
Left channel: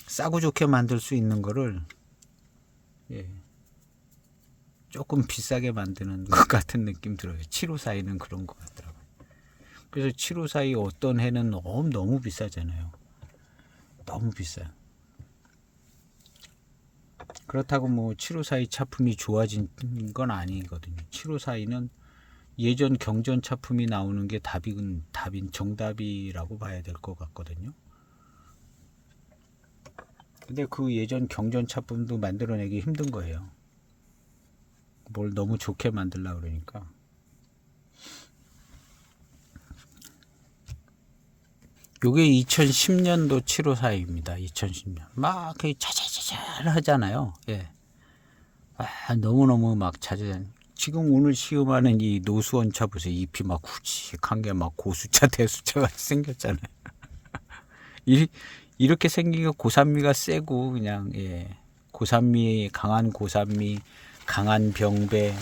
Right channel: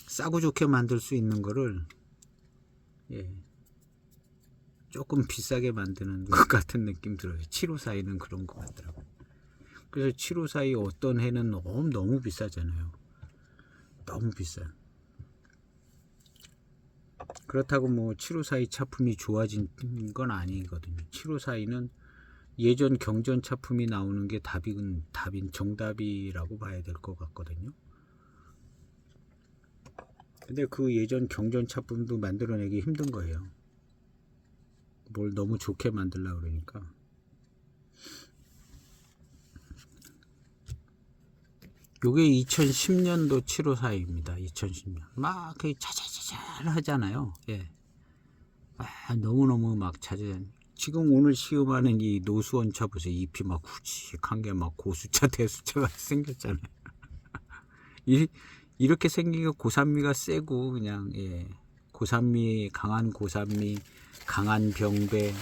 싸고 좋게 만들 수 있는 거를 조금 비싸게 만드는 것 같은 느낌 들어요. 754는 그런 것 같더라고요. 그래서 754 어떤 해는 너무 비싸잖아요. 너무 비싸. 그렇다고 뭐 754 차품이 좋아진 건 아니거든요. 754는 예전 경전 차품이 나오는 게 답인 정답이라고 봐야 될 것 같거든요. 근데 그 예전 경전 차품도 만들어내기 힘든 거예요. 뭘 너무 좋게 만들려고 그러니까. 요게 2010년도 754입니다. 2010년. 막 차차차차 하잖아요. 예. 너무너무 막 차차. 지금 오늘 시음하는 이 노수원 차 보세요. 잎이 막 굵직한 게 막 고수차 대수차 같이 생겼잖아요. 이렇게 생기고 고산미가 세고 그냥 고산미, 강한 고산미, 강한 병배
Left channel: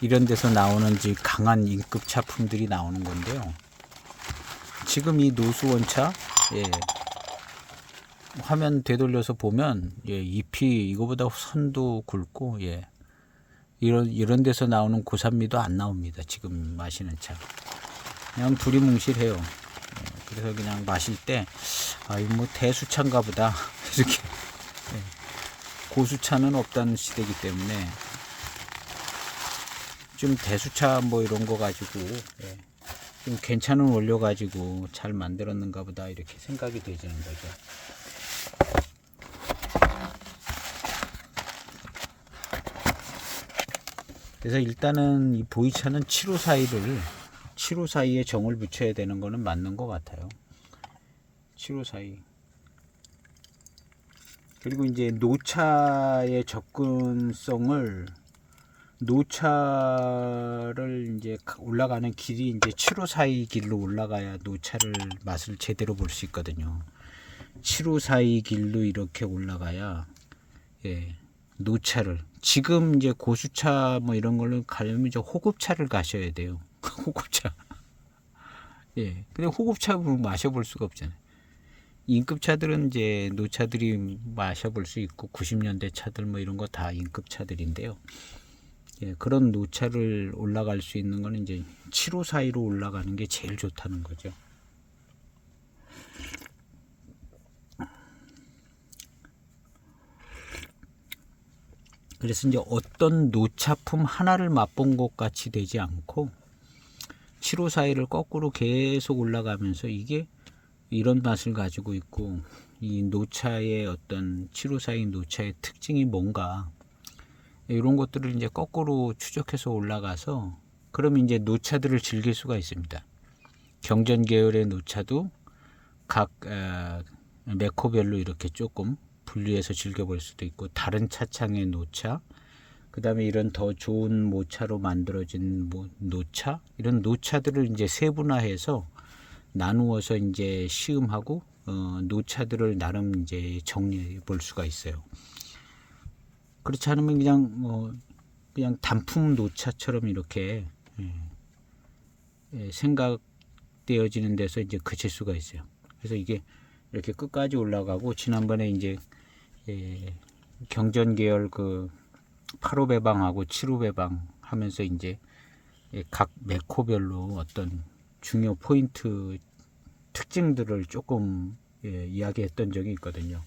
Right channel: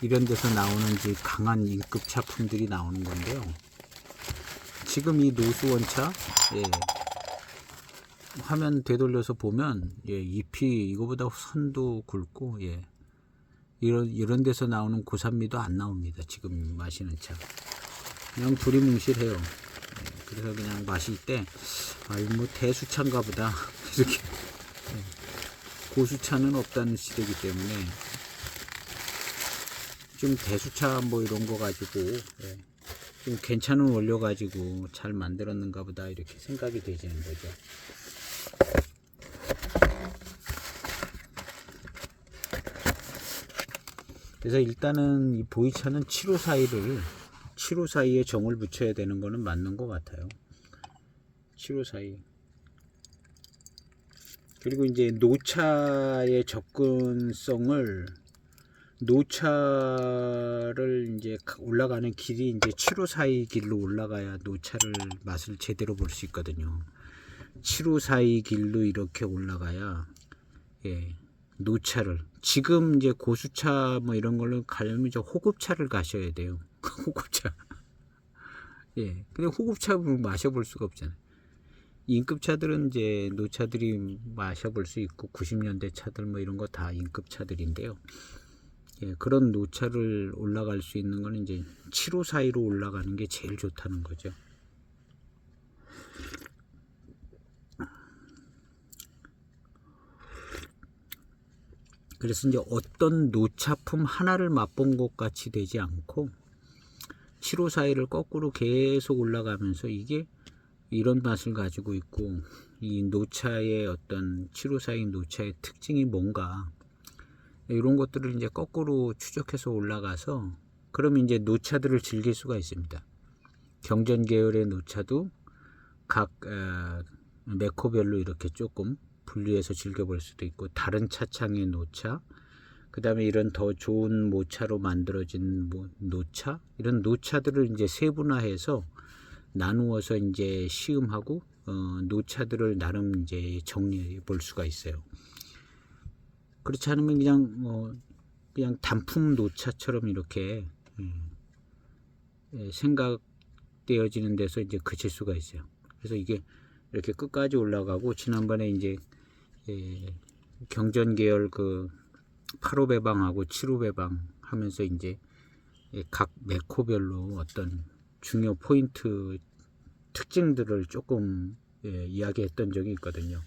이런 데서 나오는 강한 인급 차품들이 나오는 건데요. 지금 이 노수원차 화면 되돌려서 보면 잎이 이거보다 선도 굵고 이런 데서 나오는 고산미도 안 나옵니다. 지금 마시는 차 그냥 두리뭉실해요. 그래서 그냥 마실 때 이거 뭐 대수차인가 보다 이렇게 고수차는 없다는 시대이기 때문에 좀 대수차 뭐 이런 거 가지고 좀 괜찮은 원료 가지고 잘 만들었는가 보다 이렇게 생각이 되지는 거죠. 그래서 일단은 이 보이차는 754에 정을 붙여야 되는 거는 맞는 것 같아요. 754. 그리고 이제 노차의 접근성을 노차를 이제 올라가는 길이 이제 754 길로 올라가야 노차를 맛을 제대로 볼 수 있거든요. 754 길로 이렇게 올라가야 노차를 지금 이제 고수차 뭐 이런 걸로 가려면 이제 호급차를 가셔야 돼요. 호급차. 근데 호급차로 마셔볼 수가 없잖아요. 인급차들은 이제 노차들이 마셔볼 수 있고 90년대 차들 뭐 이런 거 다 인급차들인데요. 그런 노차를 올라갈 수 있는 거는 이제 754로 올라가는 게 제일 좋다는 거죠. 그래서 이제 어떤 노차품 하나를 맛본 것 같이 되지 않고 754를 거꾸로 계속 올라가면서 이게 이런 맛을 가지고 있고 이 노차의 어떤 754의 노차의 특징이 뭔가 이런 것들을 이제 거꾸로 추적해서 올라가서 그러면 이제 노차들을 즐길 수가 있습니다. 경전 계열의 노차도 각 메코별로 이렇게 조금 분리해서 즐겨볼 수도 있고 다른 차창의 노차 그 다음에 이런 더 좋은 모차로 만들어진 노차 이런 노차들을 이제 세분화해서 나누어서 이제 시음하고 노차들을 나름 이제 정리해 볼 수가 있어요. 그렇지 않으면 그냥 단품 노차처럼 이렇게 생각되어지는 데서 이제 그칠 수가 있어요. 그래서 이게 이렇게 끝까지 올라가고 지난번에 이제 경전 계열 그 8호 배방하고 7호 배방 하면서 이제 각 메코별로 어떤 중요 포인트 특징들을 조금 이야기했던 적이 있거든요.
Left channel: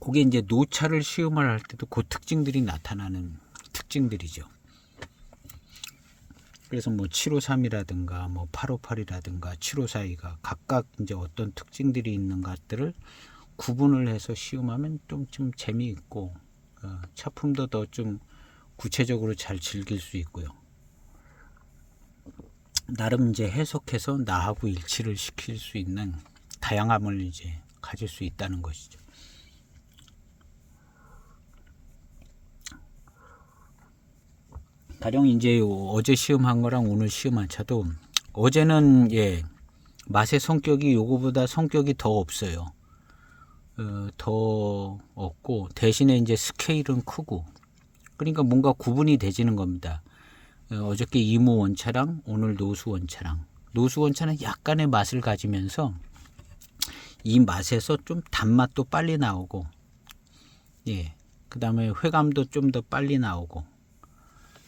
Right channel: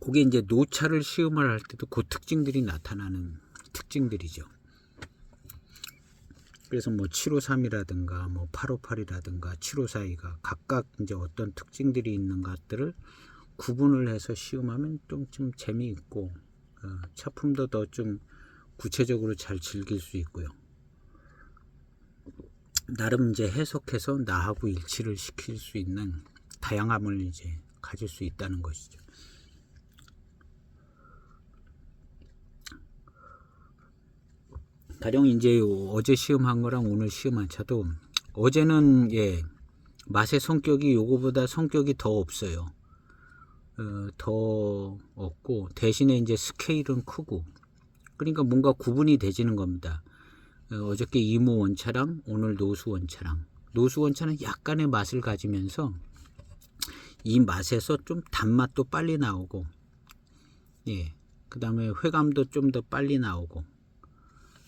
그게 이제 노차를 시음을 할 때도 그 특징들이 나타나는 특징들이죠. 그래서 뭐 753이라든가 뭐 858이라든가 754가 각각 이제 어떤 특징들이 있는 것들을 구분을 해서 시음하면 좀 재미있고 차품도 더 좀 구체적으로 잘 즐길 수 있고요. 나름 이제 해석해서 나하고 일치를 시킬 수 있는 다양함을 이제 가질 수 있다는 것이죠. 가령 이제 어제 시험한 거랑 오늘 시험한 차도 어제는 맛의 성격이 요거보다 성격이 더 없어요. 더 없고 대신에 이제 스케일은 크고 그러니까 뭔가 구분이 되지는 겁니다. 어저께 이무 원차랑 오늘 노수 원차랑 노수 원차는 약간의 맛을 가지면서 이 맛에서 좀 단맛도 빨리 나오고 그 다음에 회감도 좀 더 빨리 나오고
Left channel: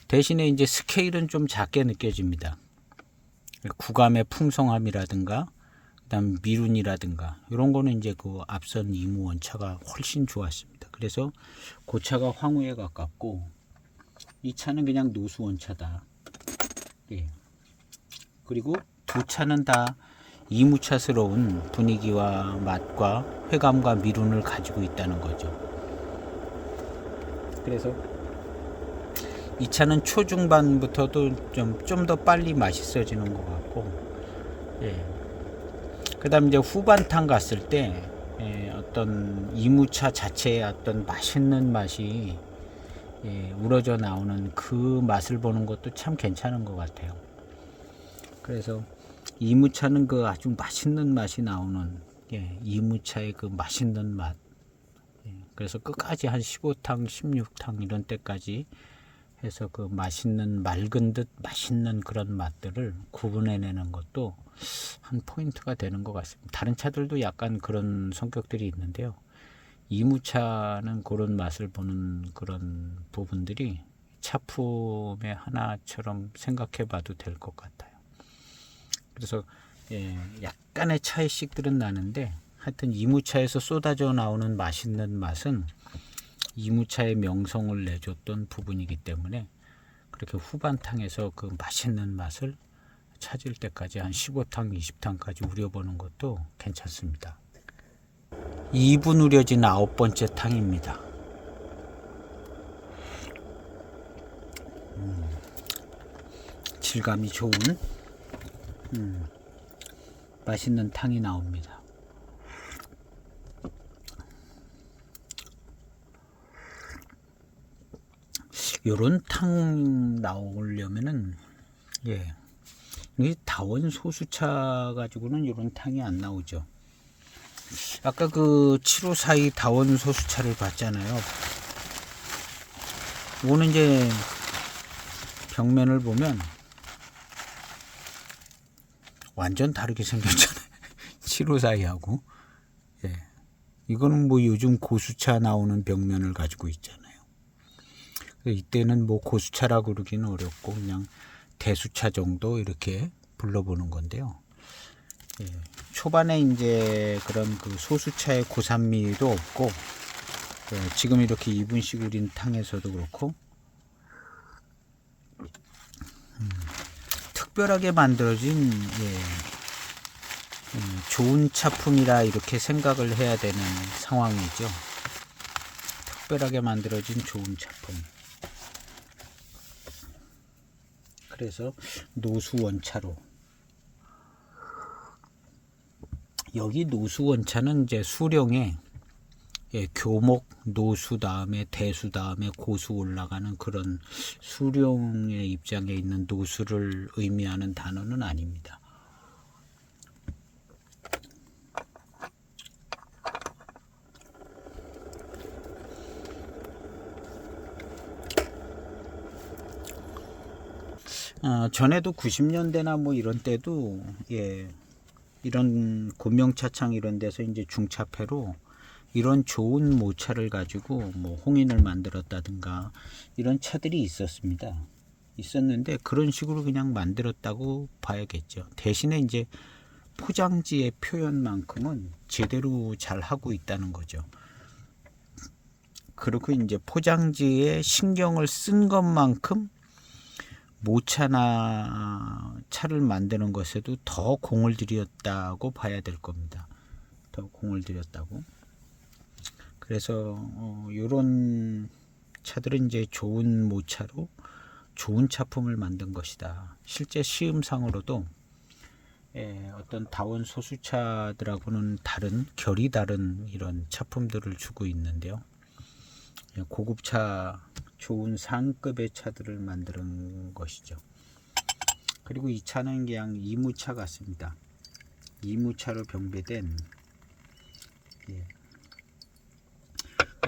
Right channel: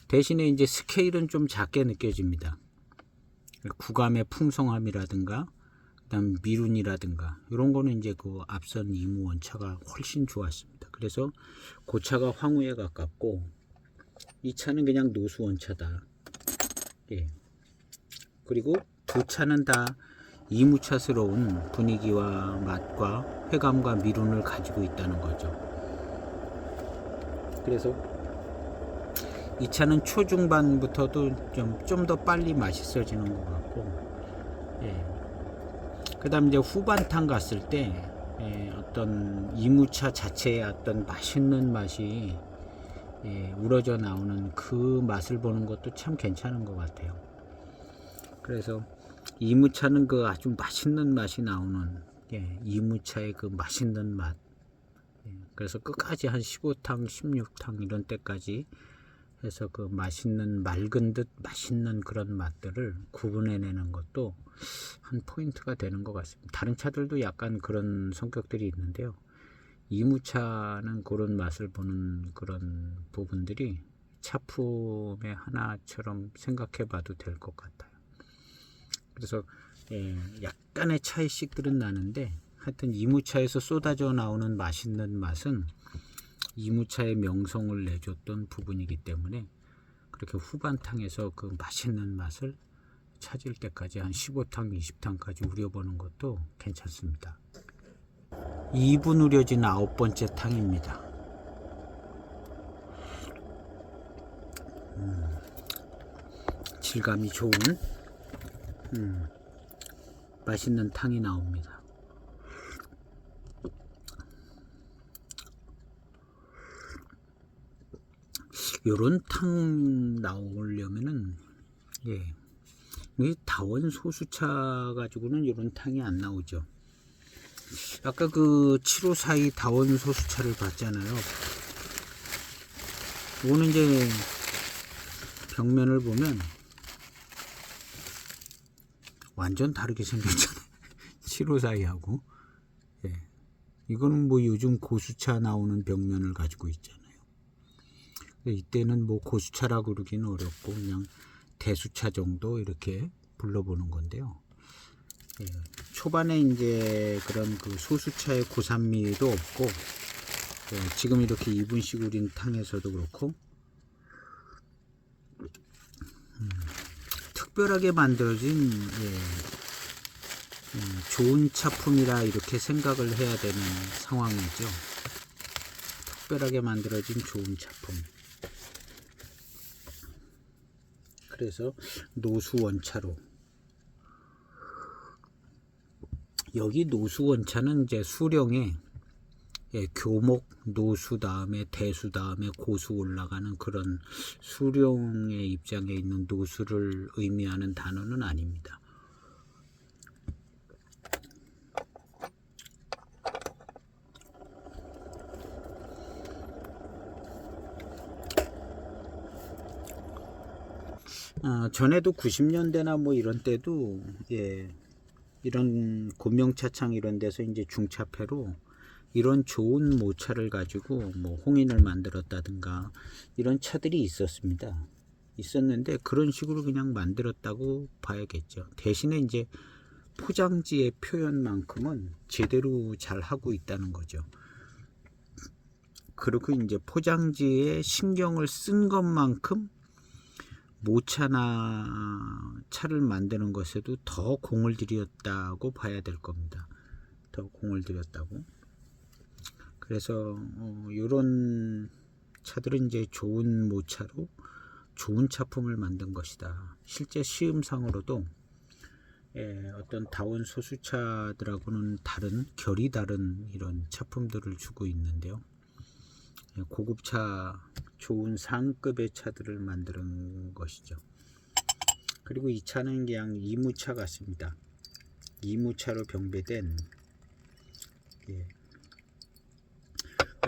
대신에 이제 스케일은 좀 작게 느껴집니다. 구감의 풍성함이라든가 그다음 미룬이라든가 이런 거는 이제 그 앞선 이무 원차가 훨씬 좋았습니다. 그래서 그 차가 황후에 가깝고 이 차는 그냥 노수 원차다. 그리고 두 차는 다 이무차스러운 분위기와 맛과 회감과 미룬을 가지고 있다는 거죠. 그래서 이 차는 초중반부터도 좀 더 빨리 맛있어지는 것 같고 그 다음 이제 후반탕 갔을 때 어떤 이무차 자체의 어떤 맛있는 맛이 우러져 나오는 그 맛을 보는 것도 참 괜찮은 것 같아요. 그래서 이무차는 그 아주 맛있는 맛이 나오는 이무차의 그 맛있는 맛 그래서 끝까지 한 15탕 16탕 이런 때까지 해서 그 맛있는 맑은 듯 맛있는 그런 맛들을 구분해내는 것도 한 포인트가 되는 것 같습니다. 다른 차들도 약간 그런 성격들이 있는데요. 이무차는 그런 맛을 보는 그런 부분들이 차품의 하나처럼 생각해 봐도 될 것 같아요. 그래서 약간의 차이씩들은 나는데 하여튼 이무차에서 쏟아져 나오는 맛있는 맛은 이무차의 명성을 내줬던 부분이기 때문에 그렇게 후반탕에서 그 맛있는 맛을 찾을 때까지 한 15탕 20탕까지 우려보는 것도 괜찮습니다. 2분 우려진 9번째 탕입니다. 질감이 좋은 맛있는 탕이 나옵니다. 요런 탕 나오려면은 이 다원 소수차 가지고는 요런 탕이 안 나오죠. 아까 그 7542 다원 소수차를 봤잖아요. 이거는 이제 벽면을 보면 완전 다르게 생겼잖아요. 7542하고 이거는 뭐 요즘 고수차 나오는 벽면을 가지고 있잖아요. 이때는 뭐 고수차라고 그러기는 어렵고 그냥 대수차 정도 이렇게 불러보는 건데요. 초반에 이제 그런 그 소수차의 고산미도 없고 지금 이렇게 2분씩 우린 탕에서도 그렇고 특별하게 만들어진 좋은 차품이라 이렇게 생각을 해야 되는 상황이죠. 특별하게 만들어진 좋은 차품. 그래서 노수 원차로 여기 노수 원차는 이제 수령에 교목 노수 다음에 대수 다음에 고수 올라가는 그런 수령의 입장에 있는 노수를 의미하는 단어는 아닙니다. 전에도 90년대나 뭐 이런 때도 이런 곤명차창 이런 데서 이제 중차폐로 이런 좋은 모차를 가지고 뭐 홍인을 만들었다든가 이런 차들이 있었는데 그런 식으로 그냥 만들었다고 봐야겠죠. 대신에 이제 포장지의 표현만큼은 제대로 잘 하고 있다는 거죠. 그리고 이제 포장지에 신경을 쓴 것만큼 모차나 차를 만드는 것에도 더 공을 들였다고 봐야 될 겁니다. 더 공을 들였다고. 그래서 이런 차들은 이제 좋은 모차로 좋은 차품을 만든 것이다. 실제 시음상으로도 어떤 다운 소수차들하고는 다른 결이 다른 이런 차품들을 주고 있는데요. 고급차 좋은 상급의 차들을 만드는 것이죠. 그리고 이 차는 그냥 이무차 같습니다. 이무차로 병배된, 예.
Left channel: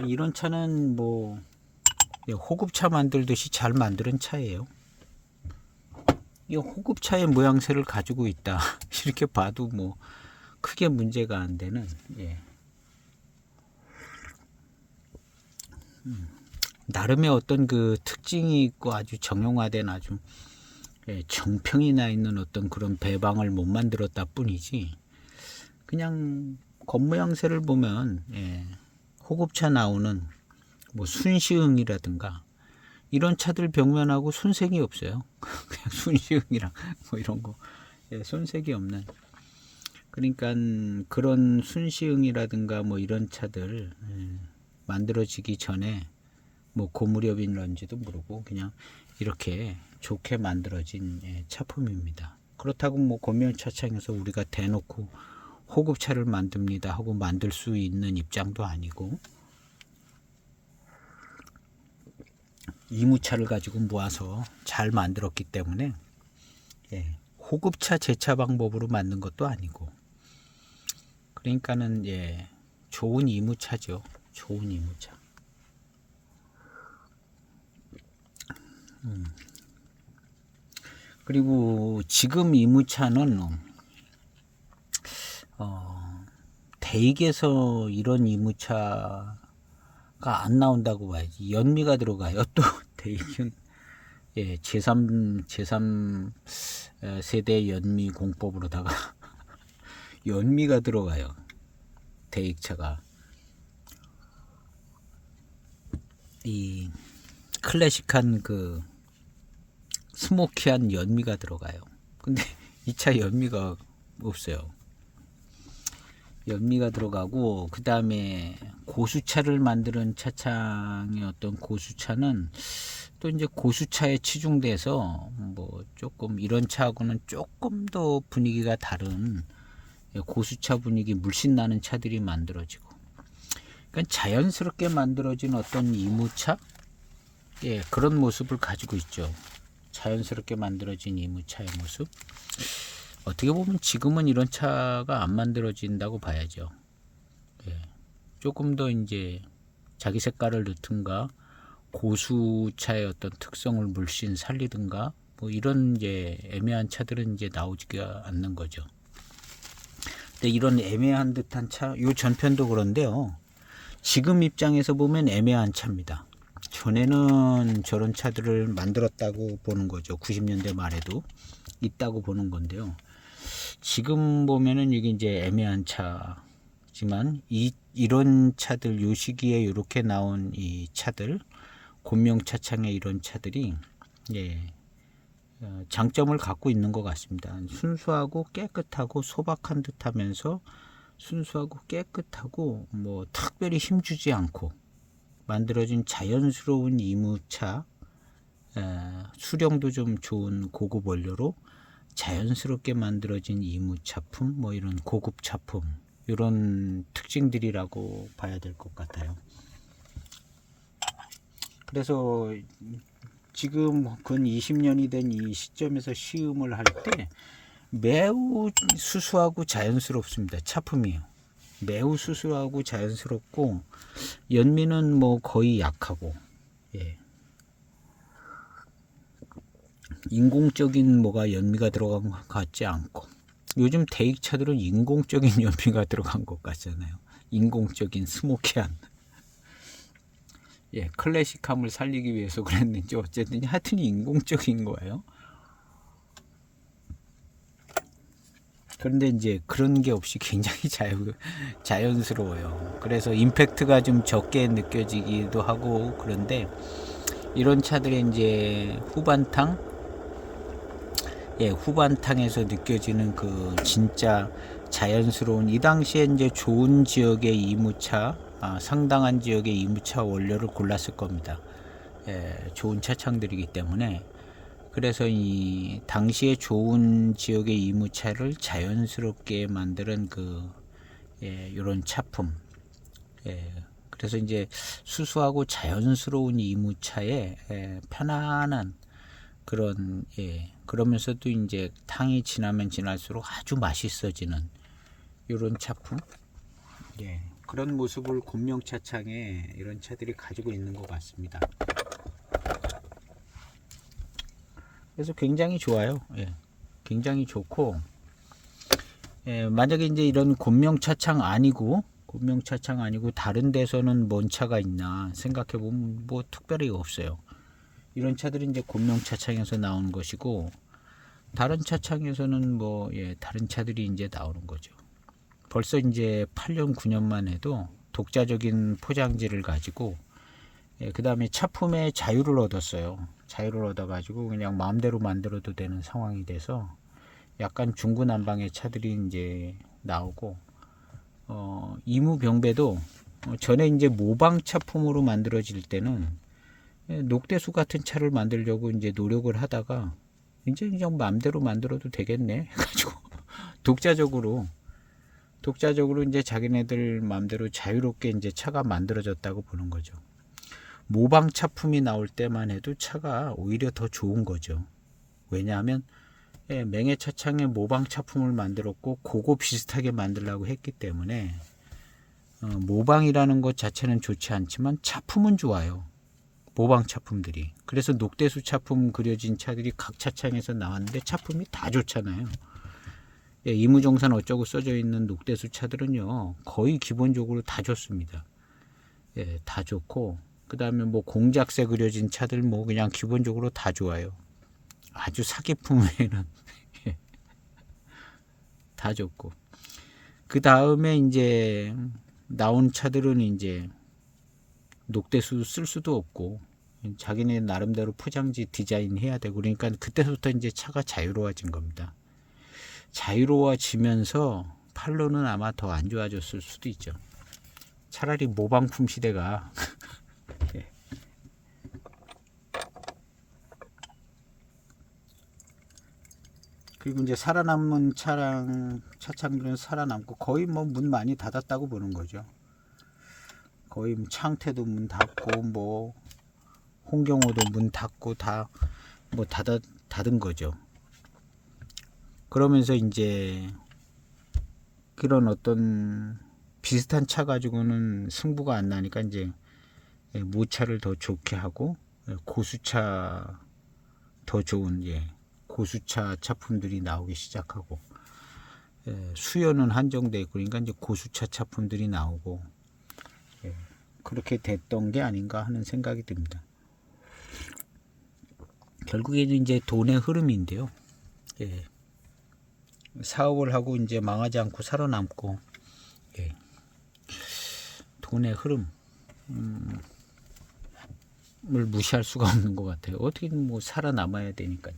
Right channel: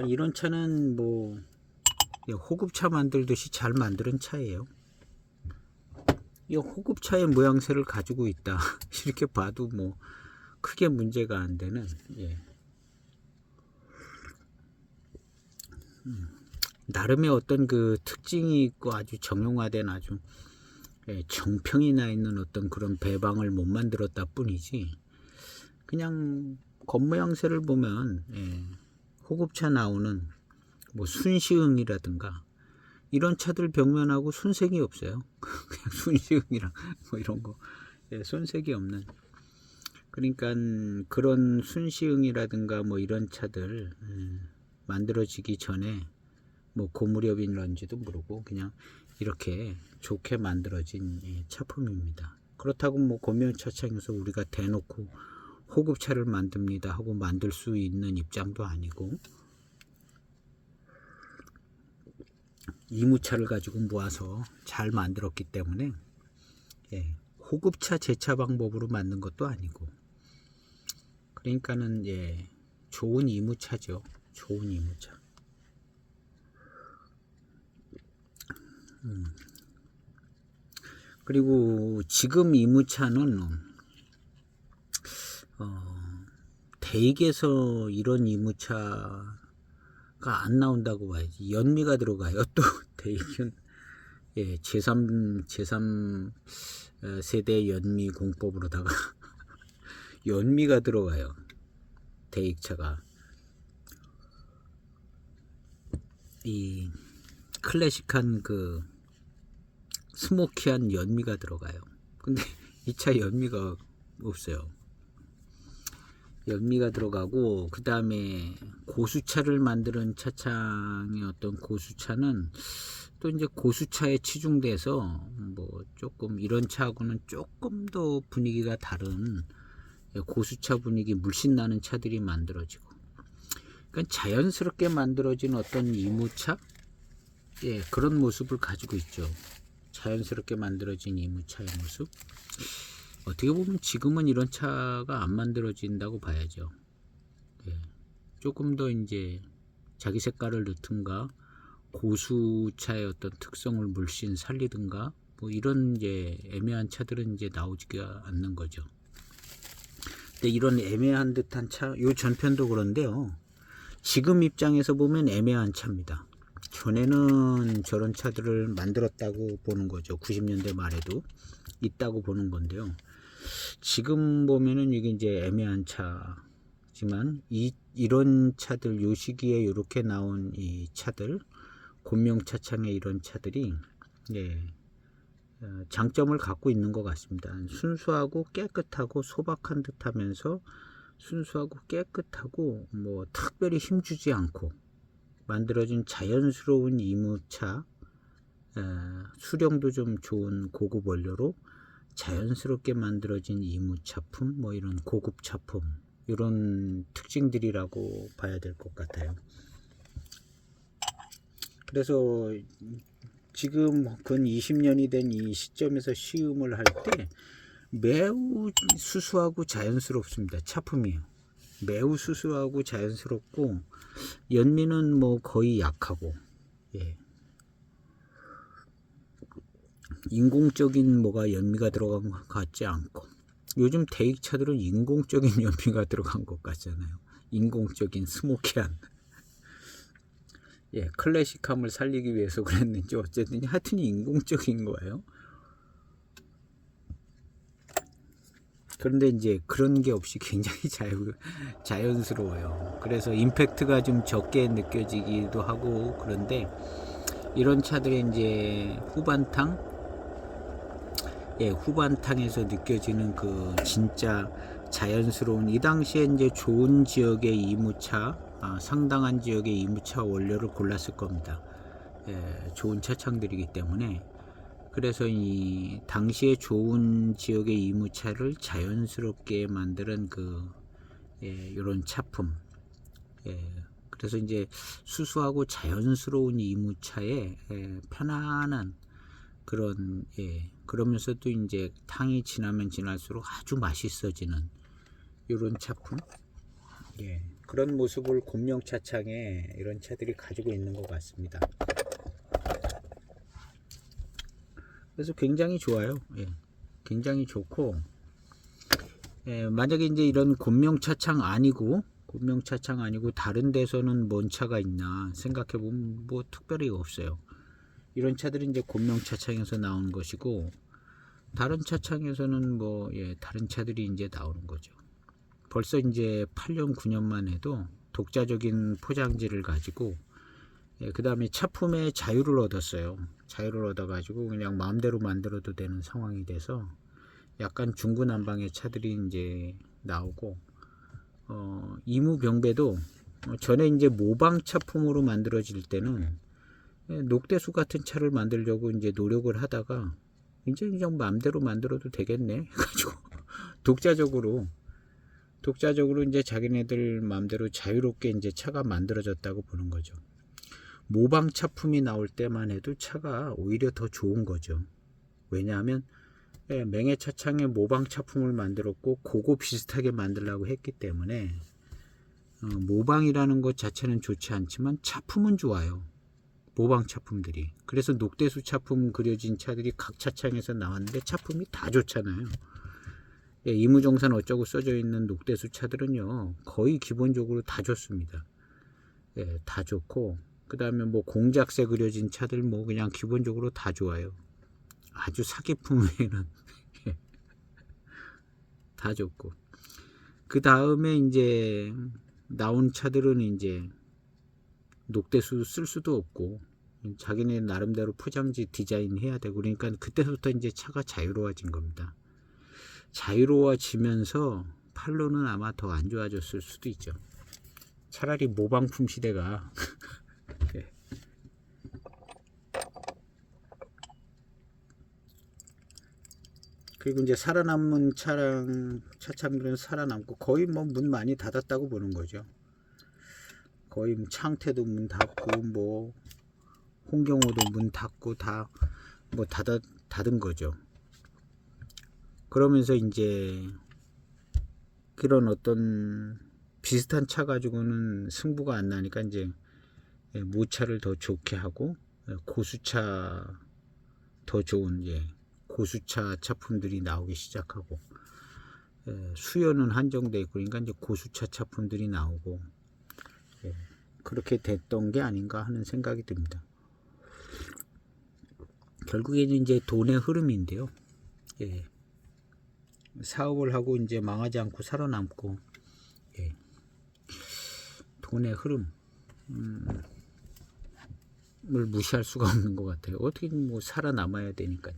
이런 차는 뭐 호급차 만들듯이 잘 만드는 차예요. 이 호급차의 모양새를 가지고 있다 이렇게 봐도 뭐 크게 문제가 안 되는, 예. 나름의 어떤 그 특징이 있고 아주 정형화된 아주, 예, 정평이 나 있는 어떤 그런 배방을 못 만들었다 뿐이지, 그냥 겉모양새를 보면, 예, 호급차 나오는 뭐 순시흥이라든가 이런 차들 벽면하고 손색이 없어요. 그냥 순시흥이랑 뭐 이런 거, 예, 손색이 없는. 그러니까 그런 순시흥이라든가 뭐 이런 차들, 예, 만들어지기 전에 뭐 고무렵인런지도 모르고 그냥 이렇게 좋게 만들어진, 예, 차품입니다. 그렇다고 뭐 권명차창에서 우리가 대놓고 호급차를 만듭니다 하고 만들 수 있는 입장도 아니고, 이무차를 가지고 모아서 잘 만들었기 때문에, 예, 호급차 제차 방법으로 만든 것도 아니고, 그러니까는, 예, 좋은 이무차죠. 좋은 이무차. 그리고 지금 이무차는 대익에서 이런 이무차가 안 나온다고 봐야지. 연미가 들어가요. 또 대익은, 예, 제3 세대 연미 공법으로다가 연미가 들어가요. 대익차가 이 클래식한 그 스모키한 연미가 들어가요. 근데 이 차 연미가 없어요. 연미가 들어가고, 그 다음에 고수차를 만드는 차창의 어떤 고수차는 또 이제 고수차에 치중돼서 뭐 조금 이런 차하고는 조금 더 분위기가 다른 고수차 분위기 물씬 나는 차들이 만들어지고, 그러니까 자연스럽게 만들어진 어떤 이무차, 예, 그런 모습을 가지고 있죠. 자연스럽게 만들어진 이무차의 모습. 어떻게 보면 지금은 이런 차가 안 만들어진다고 봐야죠. 예, 조금 더 이제 자기 색깔을 넣든가 고수차의 어떤 특성을 물씬 살리든가 뭐 이런 이제 애매한 차들은 이제 나오지가 않는 거죠. 근데 이런 애매한 듯한 차, 요 전편도 그런데요, 지금 입장에서 보면 애매한 차입니다. 전에는 저런 차들을 만들었다고 보는 거죠. 90년대 말에도 있다고 보는 건데요. 지금 보면은 이게 이제 애매한 차지만, 이런 차들, 요 시기에 이렇게 나온 이 차들, 곤명차창의 이런 차들이, 예, 장점을 갖고 있는 것 같습니다. 순수하고 깨끗하고 소박한 듯하면서 순수하고 깨끗하고 뭐 특별히 힘주지 않고 만들어진 자연스러운 이무차, 수령도 좀 좋은 고급 원료로 자연스럽게 만들어진 이무차품, 뭐 이런 고급 차품, 이런 특징들이라고 봐야 될 것 같아요. 그래서 지금 근 20년이 된 이 시점에서 시음을 할 때 매우 수수하고 자연스럽습니다. 차품이요. 매우 수수하고 자연스럽고, 연미는 뭐 거의 약하고, 예, 인공적인 뭐가 연미가 들어간 것 같지 않고, 요즘 대익차들은 인공적인 연미가 들어간 것 같잖아요. 인공적인 스모키한, 예, 클래식함을 살리기 위해서 그랬는지 어쨌든 하여튼 인공적인 거예요. 그런데 이제 그런 게 없이 굉장히 자연스러워요. 그래서 임팩트가 좀 적게 느껴지기도 하고, 그런데 이런 차들이 이제 후반탕에서 느껴지는 그 진짜 자연스러운, 이 당시에 이제 좋은 지역의 이무차, 상당한 지역의 이무차 원료를 골랐을 겁니다. 예, 좋은 차창들이기 때문에. 그래서 이 당시에 좋은 지역의 이무차를 자연스럽게 만드는 그, 예, 이런 차품, 예, 그래서 이제 수수하고 자연스러운 이무차에 편안한 그런 그러면서도 이제 탕이 지나면 지날수록 아주 맛있어지는 이런 차품, 그런 모습을 곤명차창에 이런 차들이 가지고 있는 것 같습니다. 그래서 굉장히 좋아요. 굉장히 좋고, 만약에 이제 이런 곤명차창 아니고 다른 데서는 뭔 차가 있나 생각해 보면 뭐 특별히 없어요. 이런 차들이 이제 곤명차창에서 나오는 것이고, 다른 차창에서는 뭐 다른 차들이 이제 나오는 거죠. 벌써 이제 8년 9년만 해도 독자적인 포장지를 가지고, 그 다음에 차품의 자유를 얻었어요. 자유를 얻어가지고 그냥 마음대로 만들어도 되는 상황이 돼서 약간 중구난방의 차들이 이제 나오고, 이무병배도 전에 이제 모방 차품으로 만들어질 때는 녹대수 같은 차를 만들려고 이제 노력을 하다가 이제 그냥 마음대로 만들어도 되겠네 해가지고 독자적으로 이제 자기네들 마음대로 자유롭게 이제 차가 만들어졌다고 보는 거죠. 모방 차품이 나올 때만 해도 차가 오히려 더 좋은 거죠. 왜냐하면 맹해차창에 모방 차품을 만들었고 그거 비슷하게 만들려고 했기 때문에 모방이라는 것 자체는 좋지 않지만 차품은 좋아요. 모방 차품들이. 그래서 녹대수 차품 그려진 차들이 각 차창에서 나왔는데 차품이 다 좋잖아요. 이무종산 어쩌고 써져 있는 녹대수 차들은요 거의 기본적으로 다 좋습니다. 다 좋고, 그 다음에 뭐 공작새 그려진 차들 뭐 그냥 기본적으로 다 좋아요. 아주 사기품 외에는 다 좋고, 그 다음에 이제 나온 차들은 이제 녹대수 쓸 수도 없고 자기네 나름대로 포장지 디자인 해야 되고, 그러니까 그때부터 이제 차가 자유로워진 겁니다. 자유로워지면서 판로는 아마 더 안 좋아졌을 수도 있죠. 차라리 모방품 시대가 그리고 이제 살아남은 차창들은 살아남고 거의 뭐 문 많이 닫았다고 보는 거죠. 거의 창태도 문 닫고 뭐 홍경호도 문 닫고 다 뭐 닫은 거죠. 그러면서 이제 그런 어떤 비슷한 차 가지고는 승부가 안 나니까 이제 무차를 더 좋게 하고 고수차 더 좋은 고수차 차품들이 나오기 시작하고, 수요는 한정돼 있고 그러니까 이제 고수차 차품들이 나오고, 그렇게 됐던 게 아닌가 하는 생각이 듭니다. 결국에는 이제 돈의 흐름인데요. 사업을 하고 이제 망하지 않고 살아남고, 돈의 흐름을 무시할 수가 없는 것 같아요. 어떻게든 뭐 살아남아야 되니까요.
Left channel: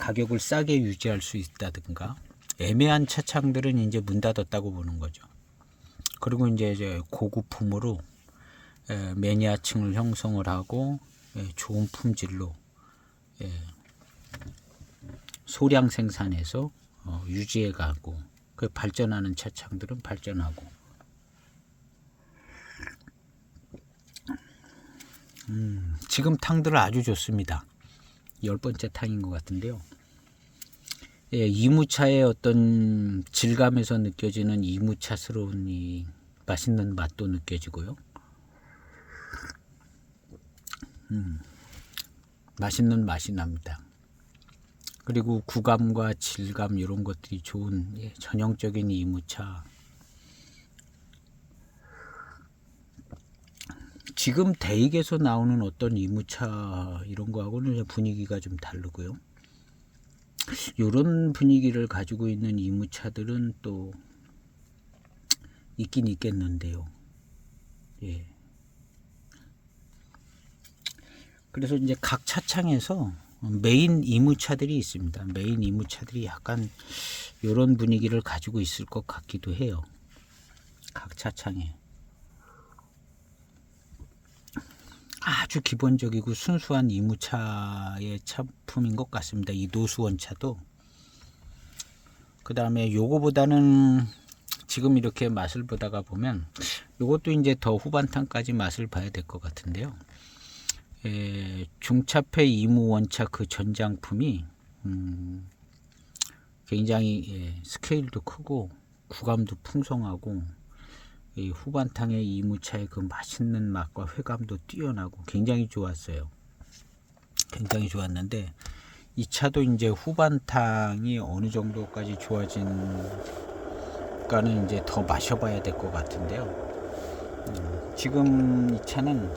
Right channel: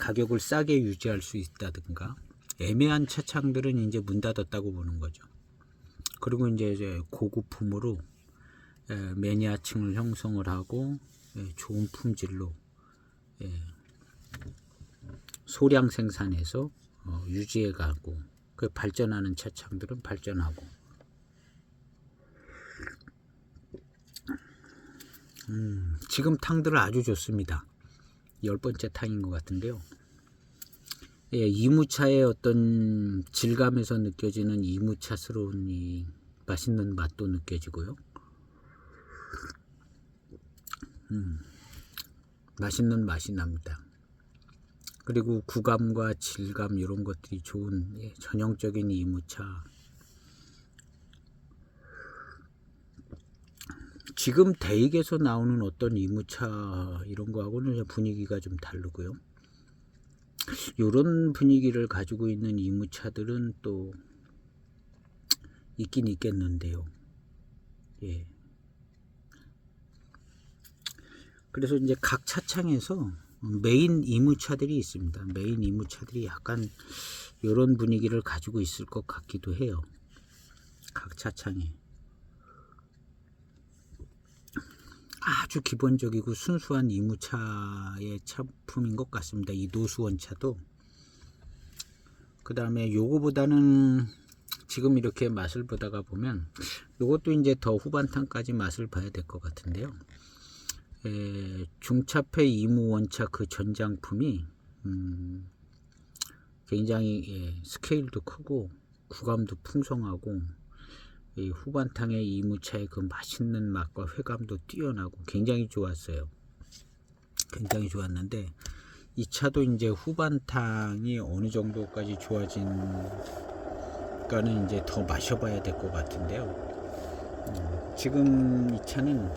가격을 싸게 유지할 수 있다든가, 애매한 차창들은 이제 문 닫았다고 보는 거죠. 그리고 이제 고급품으로 매니아층을 형성을 하고 좋은 품질로 소량 생산해서 유지해 가고, 그 발전하는 차창들은 발전하고, 지금 탕들은 아주 좋습니다. 10번째 탕인 것 같은데요. 이무차의 어떤 질감에서 느껴지는 이무차스러운 이 맛있는 맛도 느껴지고요. 맛있는 맛이 납니다. 그리고 구감과 질감 이런 것들이 좋은 전형적인 이무차. 지금 대익에서 나오는 어떤 이무차 이런 거하고는 분위기가 좀 다르고요. 이런 분위기를 가지고 있는 이무차들은 또 있긴 있겠는데요. 그래서 이제 각 차창에서 메인 이무차들이 있습니다. 메인 이무차들이 약간 이런 분위기를 가지고 있을 것 같기도 해요. 각 차창에. 아주 기본적이고 순수한 이무차의 차품인 것 같습니다. 이 노수원 차도. 그 다음에 요거보다는 지금 이렇게 맛을 보다가 보면 이것도 이제 더 후반탕까지 맛을 봐야 될 것 같은데요. 중차폐 이무원차 그 전장품이 굉장히 스케일도 크고 구감도 풍성하고 이 후반탕의 이무차의 그 맛있는 맛과 회감도 뛰어나고 굉장히 좋았어요. 굉장히 좋았는데 이 차도 이제 후반탕이 어느 정도까지 좋아진가는 이제 더 마셔봐야 될 것 같은데요. 지금 이 차는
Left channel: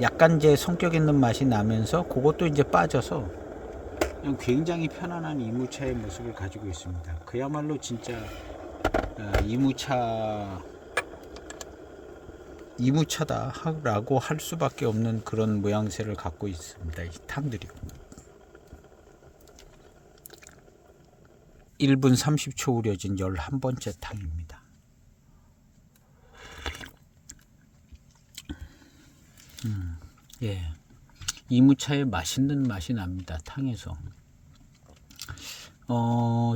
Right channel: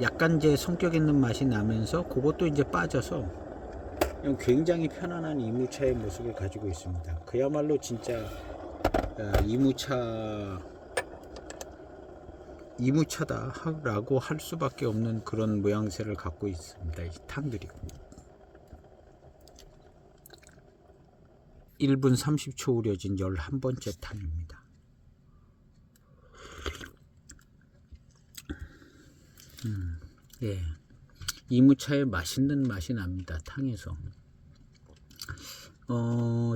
약간 이제 성격 있는 맛이 나면서 그것도 이제 빠져서 굉장히 편안한 이무차의 모습을 가지고 있습니다. 그야말로 진짜 이무차다라고 할 수밖에 없는 그런 모양새를 갖고 있습니다. 이 탕들이요. 1분 30초 우려진 11번째 탕입니다. 예, 이무차의 맛있는 맛이 납니다. 탕에서.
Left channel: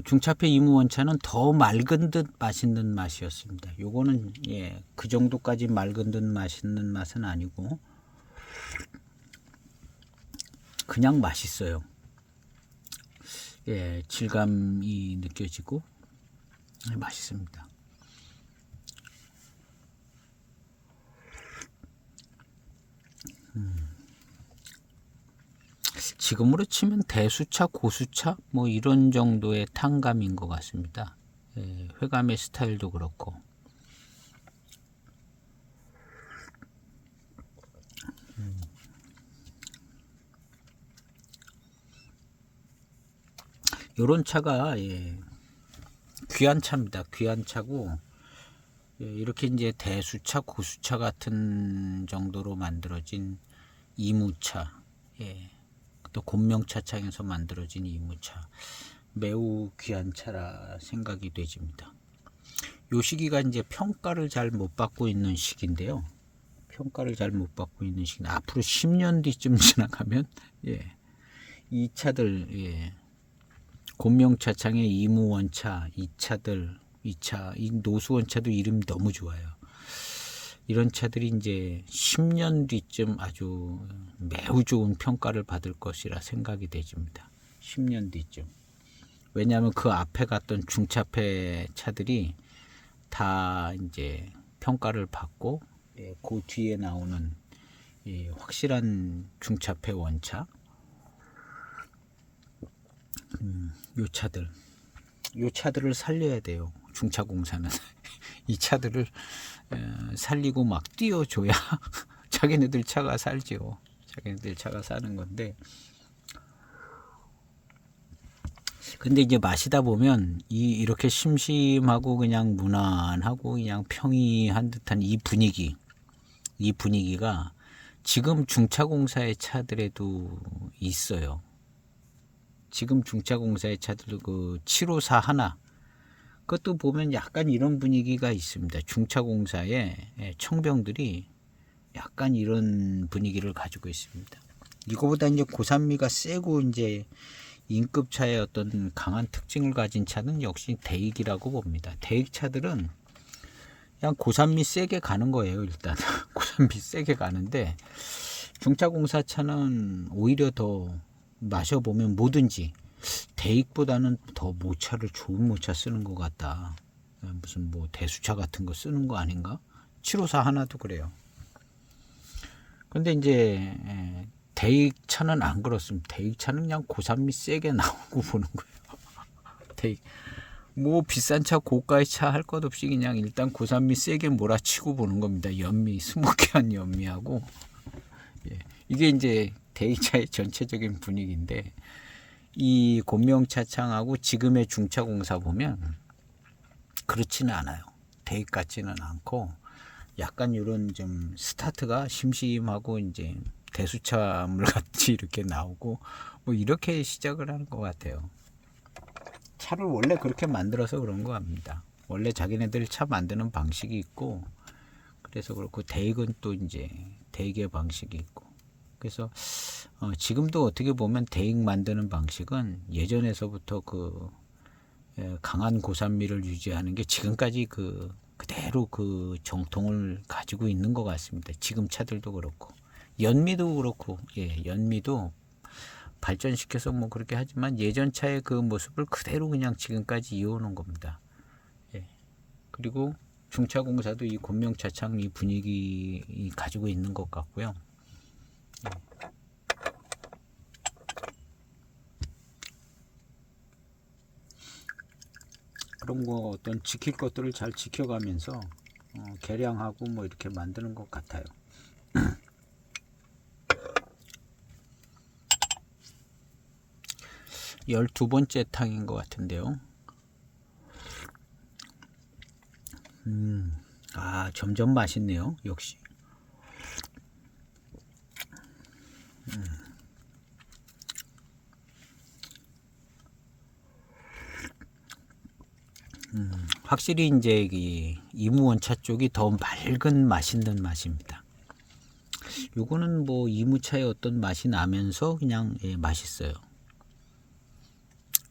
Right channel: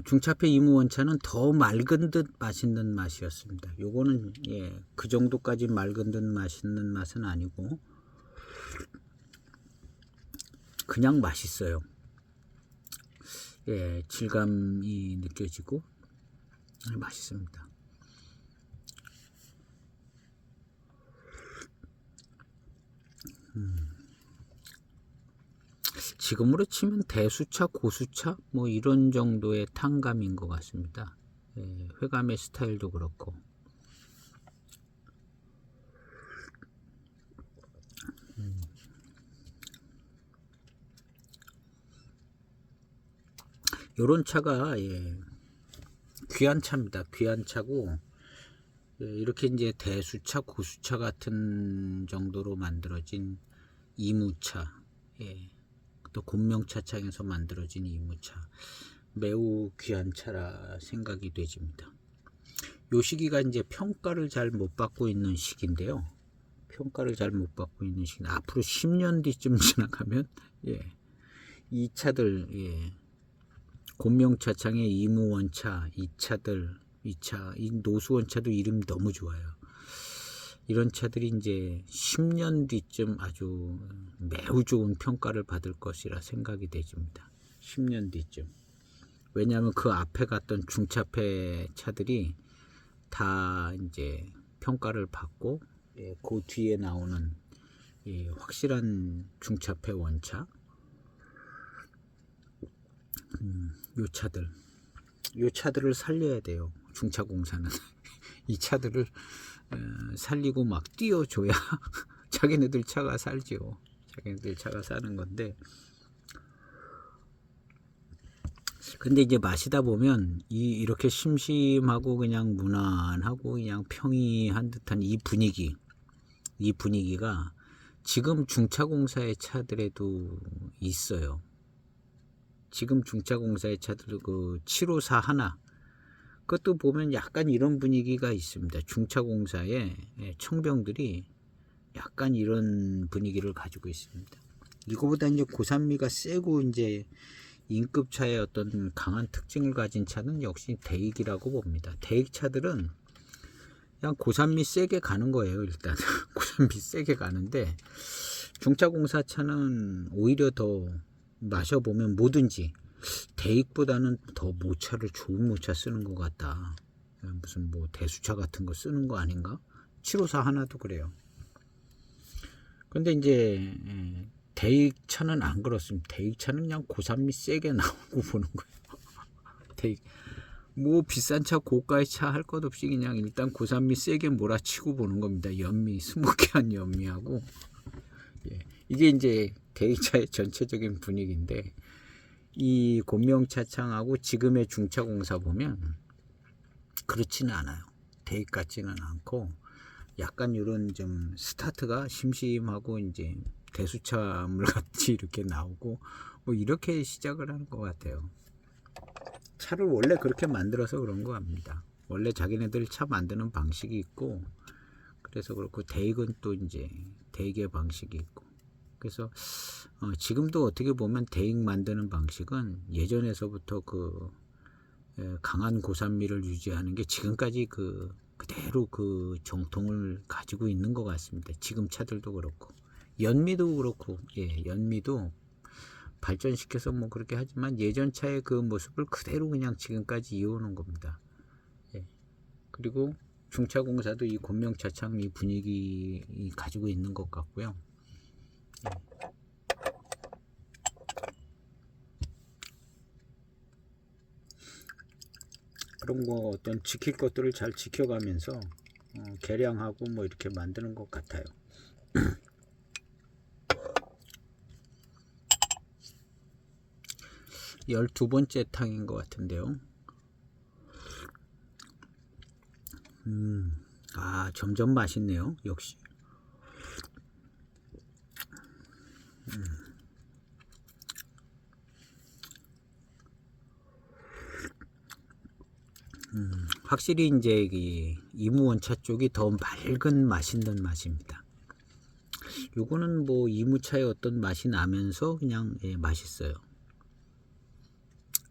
중차폐 이무원차는 더 맑은 듯 맛있는 맛이었습니다. 요거는 그 정도까지 맑은 듯 맛있는 맛은 아니고 그냥 맛있어요. 질감이 느껴지고 맛있습니다. 지금으로 치면 대수차, 고수차 뭐 이런 정도의 탕감인 것 같습니다. 회감의 스타일도 그렇고. 요런 차가 귀한 차입니다. 귀한 차고 이렇게 이제 대수차, 고수차 같은 정도로 만들어진 이무차, 또 곤명차창에서 만들어진 이무차, 매우 귀한 차라 생각이 되집니다. 요 시기가 이제 평가를 잘 못 받고 있는 시기인데요. 평가를 잘 못 받고 있는 시기. 앞으로 10년 뒤쯤 지나가면 이 차들, 곤명차창의 이무원차, 이 차들, 이 노수원차도 이름이 너무 좋아요. 이런 차들이 이제 10년 뒤쯤 아주 매우 좋은 평가를 받을 것이라 생각이 되집니다. 10년 뒤쯤. 왜냐하면 그 앞에 갔던 중차폐 차들이 다 이제 평가를 받고 그 뒤에 나오는 확실한 중차폐 원차, 요 차들을 살려야 돼요. 중차공사는 이 차들을 살리고 막 띄워줘야 자기네들 차가 살죠. 자기네들 차가 사는 건데, 근데 이제 마시다 보면 이렇게 심심하고 그냥 무난하고 그냥 평이한 듯한 이 분위기가 지금 중차공사의 차들에도 있어요. 지금 중차공사의 차들 그 754 하나, 그것도 보면 약간 이런 분위기가 있습니다. 중차공사의 청병들이 약간 이런 분위기를 가지고 있습니다. 이거보다 이제 고산미가 세고 이제 인급차의 어떤 강한 특징을 가진 차는 역시 대익이라고 봅니다. 대익 차들은 그냥 고산미 세게 가는 거예요. 일단 고산미 세게 가는데 중차공사 차는 오히려 더 마셔보면 뭐든지 대익보다는 더 모차를 좋은 모차 쓰는 것 같다. 무슨 뭐 대수차 같은 거 쓰는 거 아닌가? 754 하나도 그래요. 근데 이제 대익차는 안 그렇습니다. 대익차는 그냥 고산미 세게 나오고 보는 거예요. 대익 뭐 비싼 차 고가의 차 할 것 없이 그냥 일단 고산미 세게 몰아치고 보는 겁니다. 연미 스모키한 연미하고 이게 이제 대익차의 전체적인 분위기인데, 이 곤명차창하고 지금의 중차공사 보면 그렇지는 않아요. 대익 같지는 않고 약간 이런 좀 스타트가 심심하고 이제 대수차물 같이 이렇게 나오고 뭐 이렇게 시작을 하는 것 같아요. 차를 원래 그렇게 만들어서 그런 것 같습니다. 원래 자기네들 차 만드는 방식이 있고, 그래서 그렇고 대익은 또 이제 대익의 방식이 있고, 그래서 지금도 어떻게 보면 대익 만드는 방식은 예전에서부터 그 강한 고산미를 유지하는 게 지금까지 그대로 그 정통을 가지고 있는 것 같습니다. 지금 차들도 그렇고 연미도 그렇고, 연미도 발전시켜서 뭐 그렇게 하지만 예전 차의 그 모습을 그대로 그냥 지금까지 이어오는 겁니다. 그리고 중차공사도 이 곤명차창 이 분위기 가지고 있는 것 같고요. 그런 거 어떤 지킬 것들을 잘 지켜가면서 개량하고 뭐 이렇게 만드는 것 같아요. 12번째 탕인 것 같은데요. 점점 맛있네요. 역시. 확실히 이제 이무원차 쪽이 더 맑은 맛있는 맛입니다. 요거는 뭐 이무차의 어떤 맛이 나면서 그냥 맛있어요.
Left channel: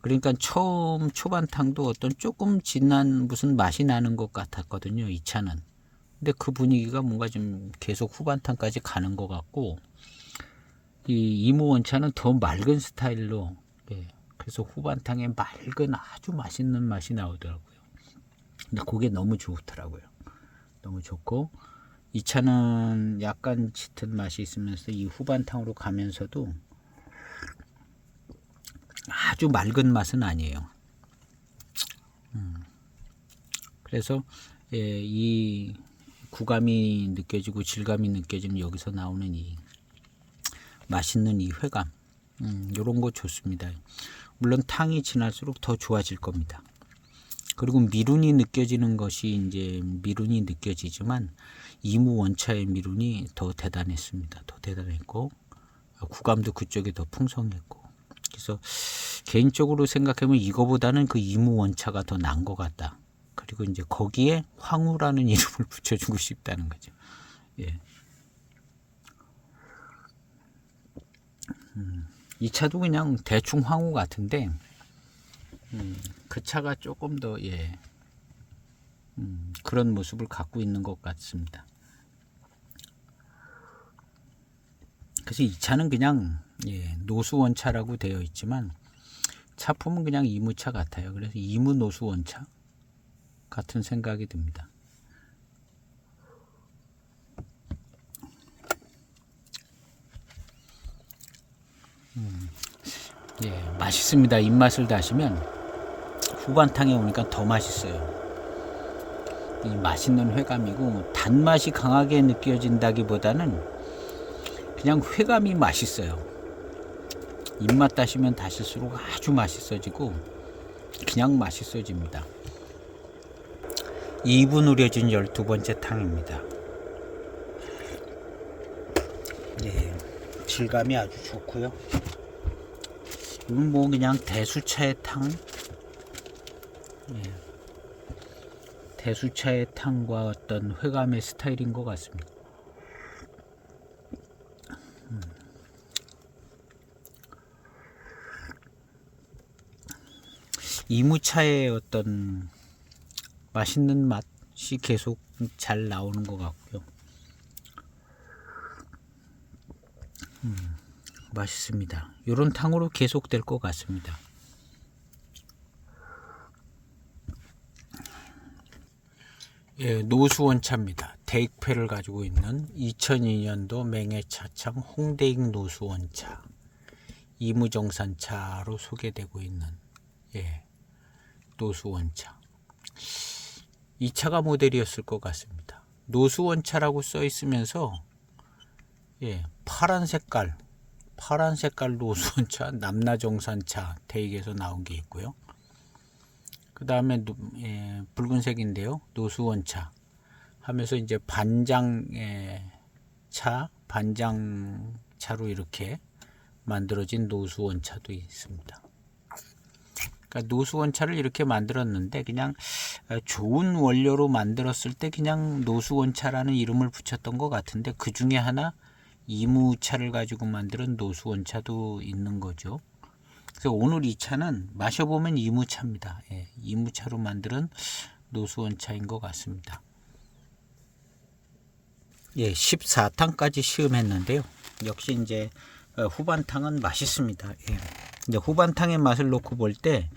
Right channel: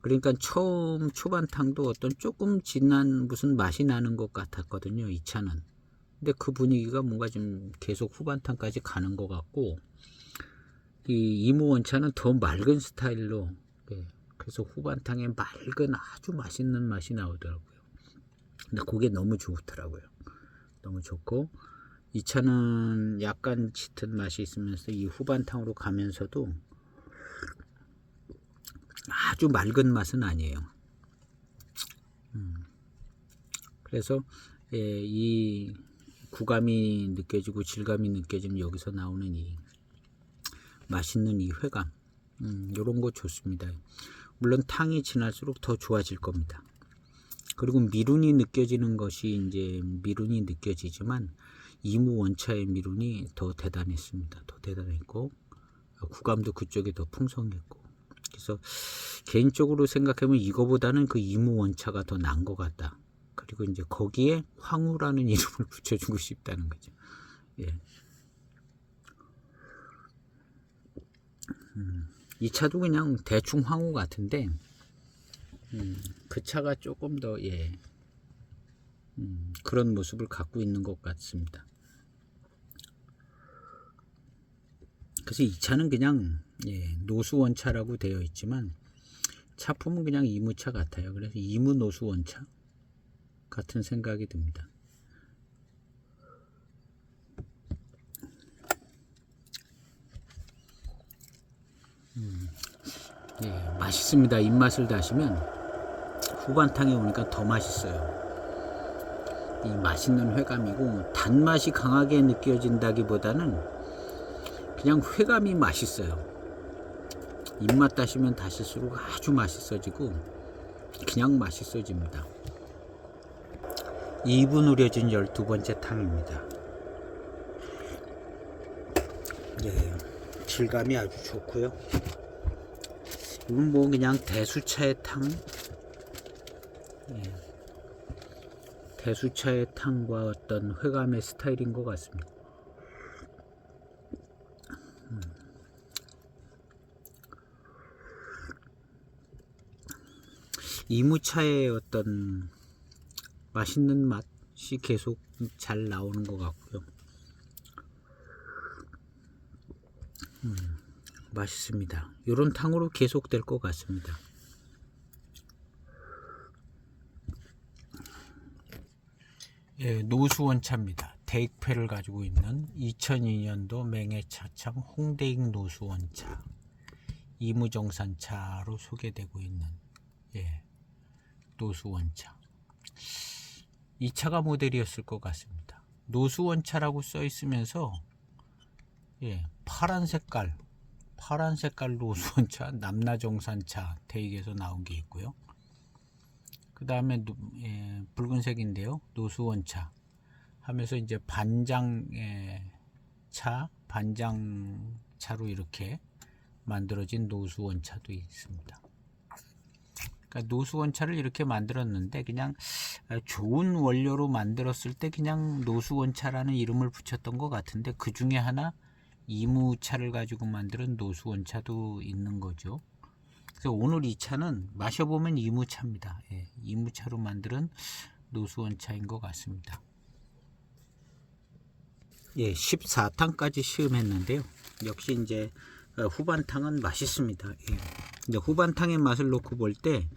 그러니까 처음 초반탕도 어떤 조금 진한 무슨 맛이 나는 것 같았거든요. 이 차는. 근데 그 분위기가 뭔가 좀 계속 후반탕까지 가는 것 같고, 이 이무원차는 더 맑은 스타일로, 그래서 후반탕에 맑은 아주 맛있는 맛이 나오더라고요. 근데 그게 너무 좋더라고요. 너무 좋고, 이 차는 약간 짙은 맛이 있으면서 이 후반탕으로 가면서도 아주 맑은 맛은 아니에요. 그래서 이 구감이 느껴지고 질감이 느껴지는 여기서 나오는 이 맛있는 이 회감, 이런 거 좋습니다. 물론 탕이 지날수록 더 좋아질 겁니다. 그리고 미룬이 느껴지는 것이 이제 미룬이 느껴지지만 이무 원차의 미룬이 더 대단했습니다. 더 대단했고 구감도 그쪽이 더 풍성했고, 그래서 개인적으로 생각하면 이거보다는 그 이무 원차가 더 나은 것 같다. 그리고 이제 거기에 황후라는 이름을 붙여주고 싶다는 거죠. 이 차도 그냥 대충 황후 같은데, 그 차가 조금 더 그런 모습을 갖고 있는 것 같습니다. 그래서 이 차는 그냥 노수원차라고 되어 있지만 차품은 그냥 이무차 같아요. 그래서 이무 노수원차 같은 생각이 듭니다. 맛있습니다. 입맛을 다시면 후반탕에 오니까 더 맛있어요. 이 맛있는 회감이고 단맛이 강하게 느껴진다기보다는 그냥 회감이 맛있어요. 입맛 다시면 다실수록 아주 맛있어지고 그냥 맛있어집니다. 2분 우려진 12번째 탕입니다. 질감이 아주 좋고요. 이건 뭐 그냥 대수차의 탕, 대수차의 탕과 어떤 회감의 스타일인 것 같습니다. 이무차의 어떤 맛있는 맛이 계속 잘 나오는 것 같고요. 맛있습니다. 이런 탕으로 계속 될 것 같습니다. 노수원차입니다. 대익패를 가지고 있는 2002년도 맹해차창 홍대익 노수원차, 이무정산차로 소개되고 있는 노수원차. 이 차가 모델이었을 것 같습니다. 노수원차라고 써 있으면서 파란 색깔 노수원차, 남나정산차 대익에서 나온 게 있고요. 그 다음에 붉은색인데요. 노수원차 하면서 이제 반장차로 이렇게 만들어진 노수원차도 있습니다. 그러니까 노수원차를 이렇게 만들었는데 그냥 좋은 원료로 만들었을 때 그냥 노수원차라는 이름을 붙였던 것 같은데, 그 중에 하나 이무차를 가지고 만드는 노수원차도 있는 거죠. 그래서 오늘 이 차는 마셔보면 이무차입니다. 예, 이무차로 만드는 노수원차인 것 같습니다. 예, 14탕까지 시음했는데요. 역시 이제 후반탕은 맛있습니다. 예. 이제 후반탕의 맛을 놓고 볼 때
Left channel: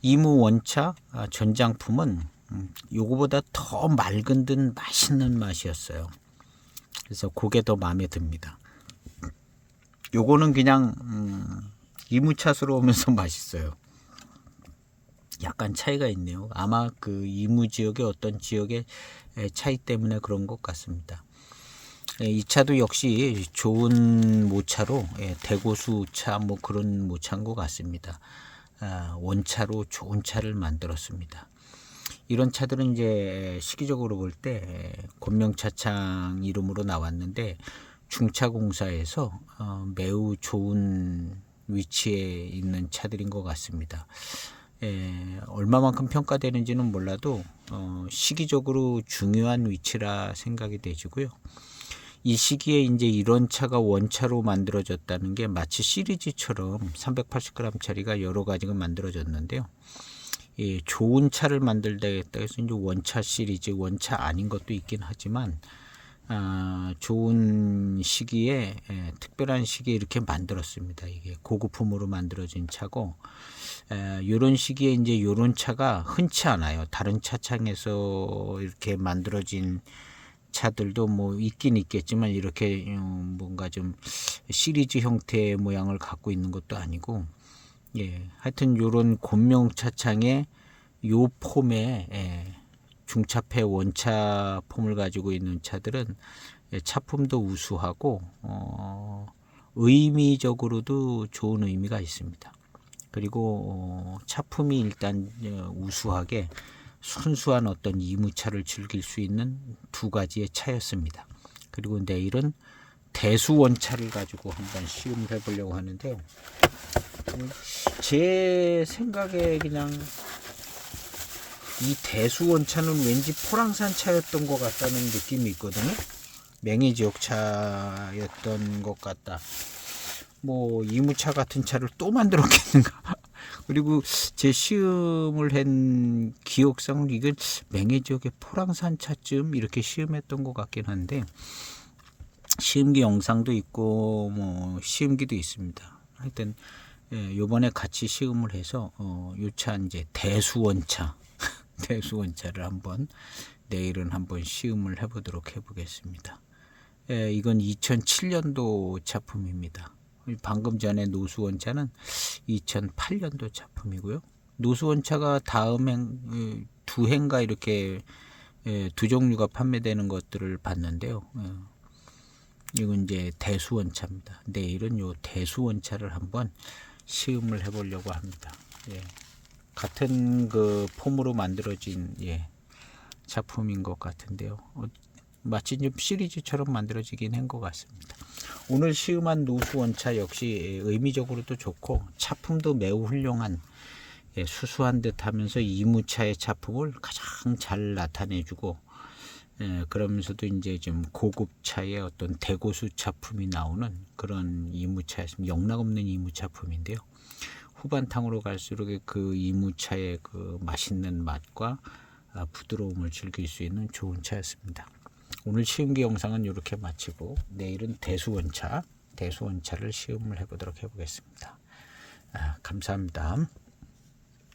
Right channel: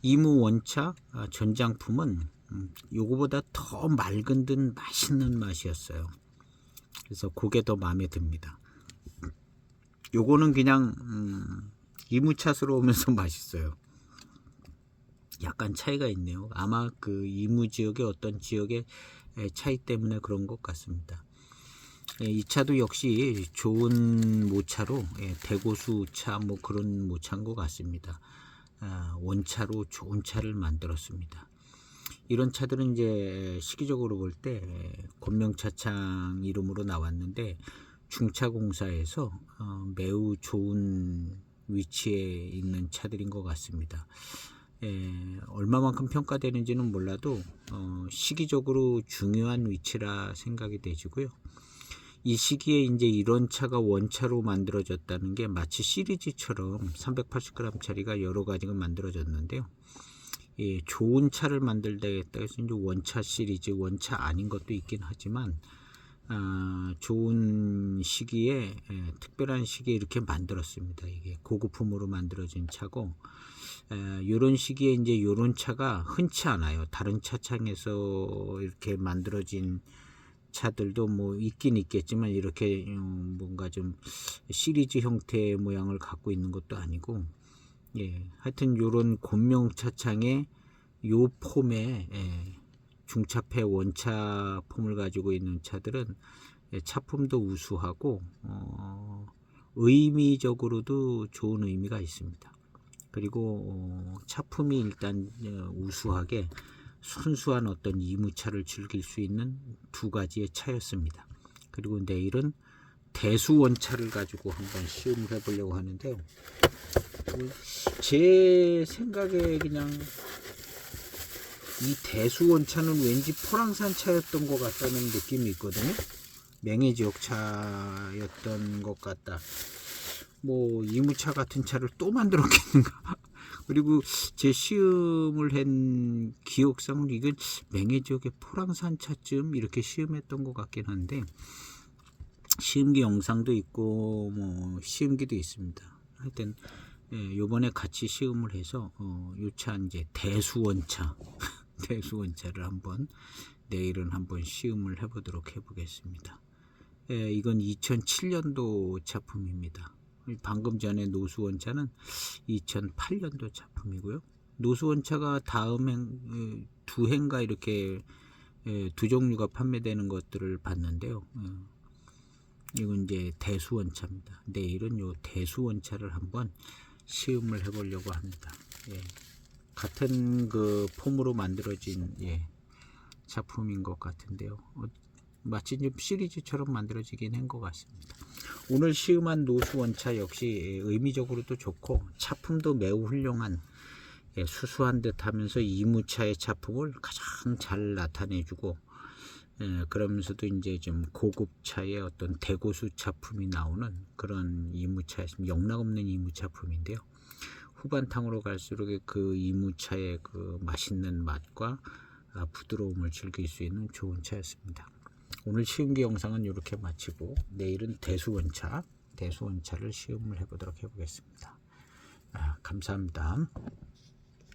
이무 원차 전장품은 요거보다 더 맑은 듯 맛있는 맛이었어요. 그래서 그게 더 마음에 듭니다. 요거는 그냥 이무차스러우면서 맛있어요. 약간 차이가 있네요. 아마 그 이무 지역의 어떤 지역의 차이 때문에 그런 것 같습니다. 이 차도 역시 좋은 모차로 대고수 차 뭐 그런 모차인 것 같습니다. 원차로 좋은 차를 만들었습니다. 이런 차들은 이제 시기적으로 볼 때 권명차창 이름으로 나왔는데 중차공사에서 매우 좋은 위치에 있는 차들인 것 같습니다. 얼마만큼 평가되는지는 몰라도 시기적으로 중요한 위치라 생각이 되지고요. 이 시기에 이제 이런 차가 원차로 만들어졌다는 게 마치 시리즈처럼 380g짜리가 여러 가지가 만들어졌는데요. 좋은 차를 만들다겠다 해서 이제 원차 시리즈, 원차 아닌 것도 있긴 하지만 좋은 시기에 특별한 시기에 이렇게 만들었습니다. 이게 고급품으로 만들어진 차고 이런 시기에 이제 이런 차가 흔치 않아요. 다른 차창에서 이렇게 만들어진 차들도 뭐 있긴 있겠지만 이렇게 뭔가 좀 시리즈 형태의 모양을 갖고 있는 것도 아니고 하여튼 요런 곤명 차창의 요 폼의 중차폐 원차 폼을 가지고 있는 차들은 차품도 우수하고 의미적으로도 좋은 의미가 있습니다. 그리고 차품이 일단 우수하게 순수한 어떤 이무차를 즐길 수 있는 두 가지의 차였습니다. 그리고 내일은 대수원차를 가지고 한번 시음을 해보려고 하는데요. 제 생각에 그냥 이 대수원차는 왠지 포랑산 차였던 것 같다는 느낌이 있거든요. 맹해지역 차였던 것 같다. 뭐 이무차 같은 차를 또 만들었겠는가. 그리고 제 시음을 한 기억상 이건 맹해지역의 포랑산 차쯤 이렇게 시음했던 것 같긴 한데 시음기 영상도 있고 뭐 시음기도 있습니다. 하여튼 요번에 같이 시음을 해서 요 차 이제 대수원차 대수원차를 한번 내일은 한번 시음을 해보도록 해보겠습니다. 이건 2007년도 작품입니다. 방금 전에 노수원차는 2008년도 작품이고요. 노수원차가 다음 두 해인가 이렇게 두 종류가 판매되는 것들을 봤는데요. 이건 이제 대수원차입니다. 내일은 요 대수원차를 한번 시음을 해보려고 합니다. 같은 그 폼으로 만들어진 작품인 것 같은데요. 마치 좀 시리즈처럼 만들어지긴 한 것 같습니다. 오늘 시음한 노수원차 역시 의미적으로도 좋고 차품도 매우 훌륭한 수수한 듯 하면서 이무차의 차품을 가장 잘 나타내주고 그러면서도 이제 좀 고급차의 어떤 대고수 차품이 나오는 그런 이무차였습니다. 영락없는 이무차품인데요. 후반탕으로 갈수록 그 이무차의 그 맛있는 맛과 부드러움을 즐길 수 있는 좋은 차였습니다. 오늘 시음기 영상은 이렇게 마치고 내일은 대수원차를 시음을 해보도록 해보겠습니다. 감사합니다.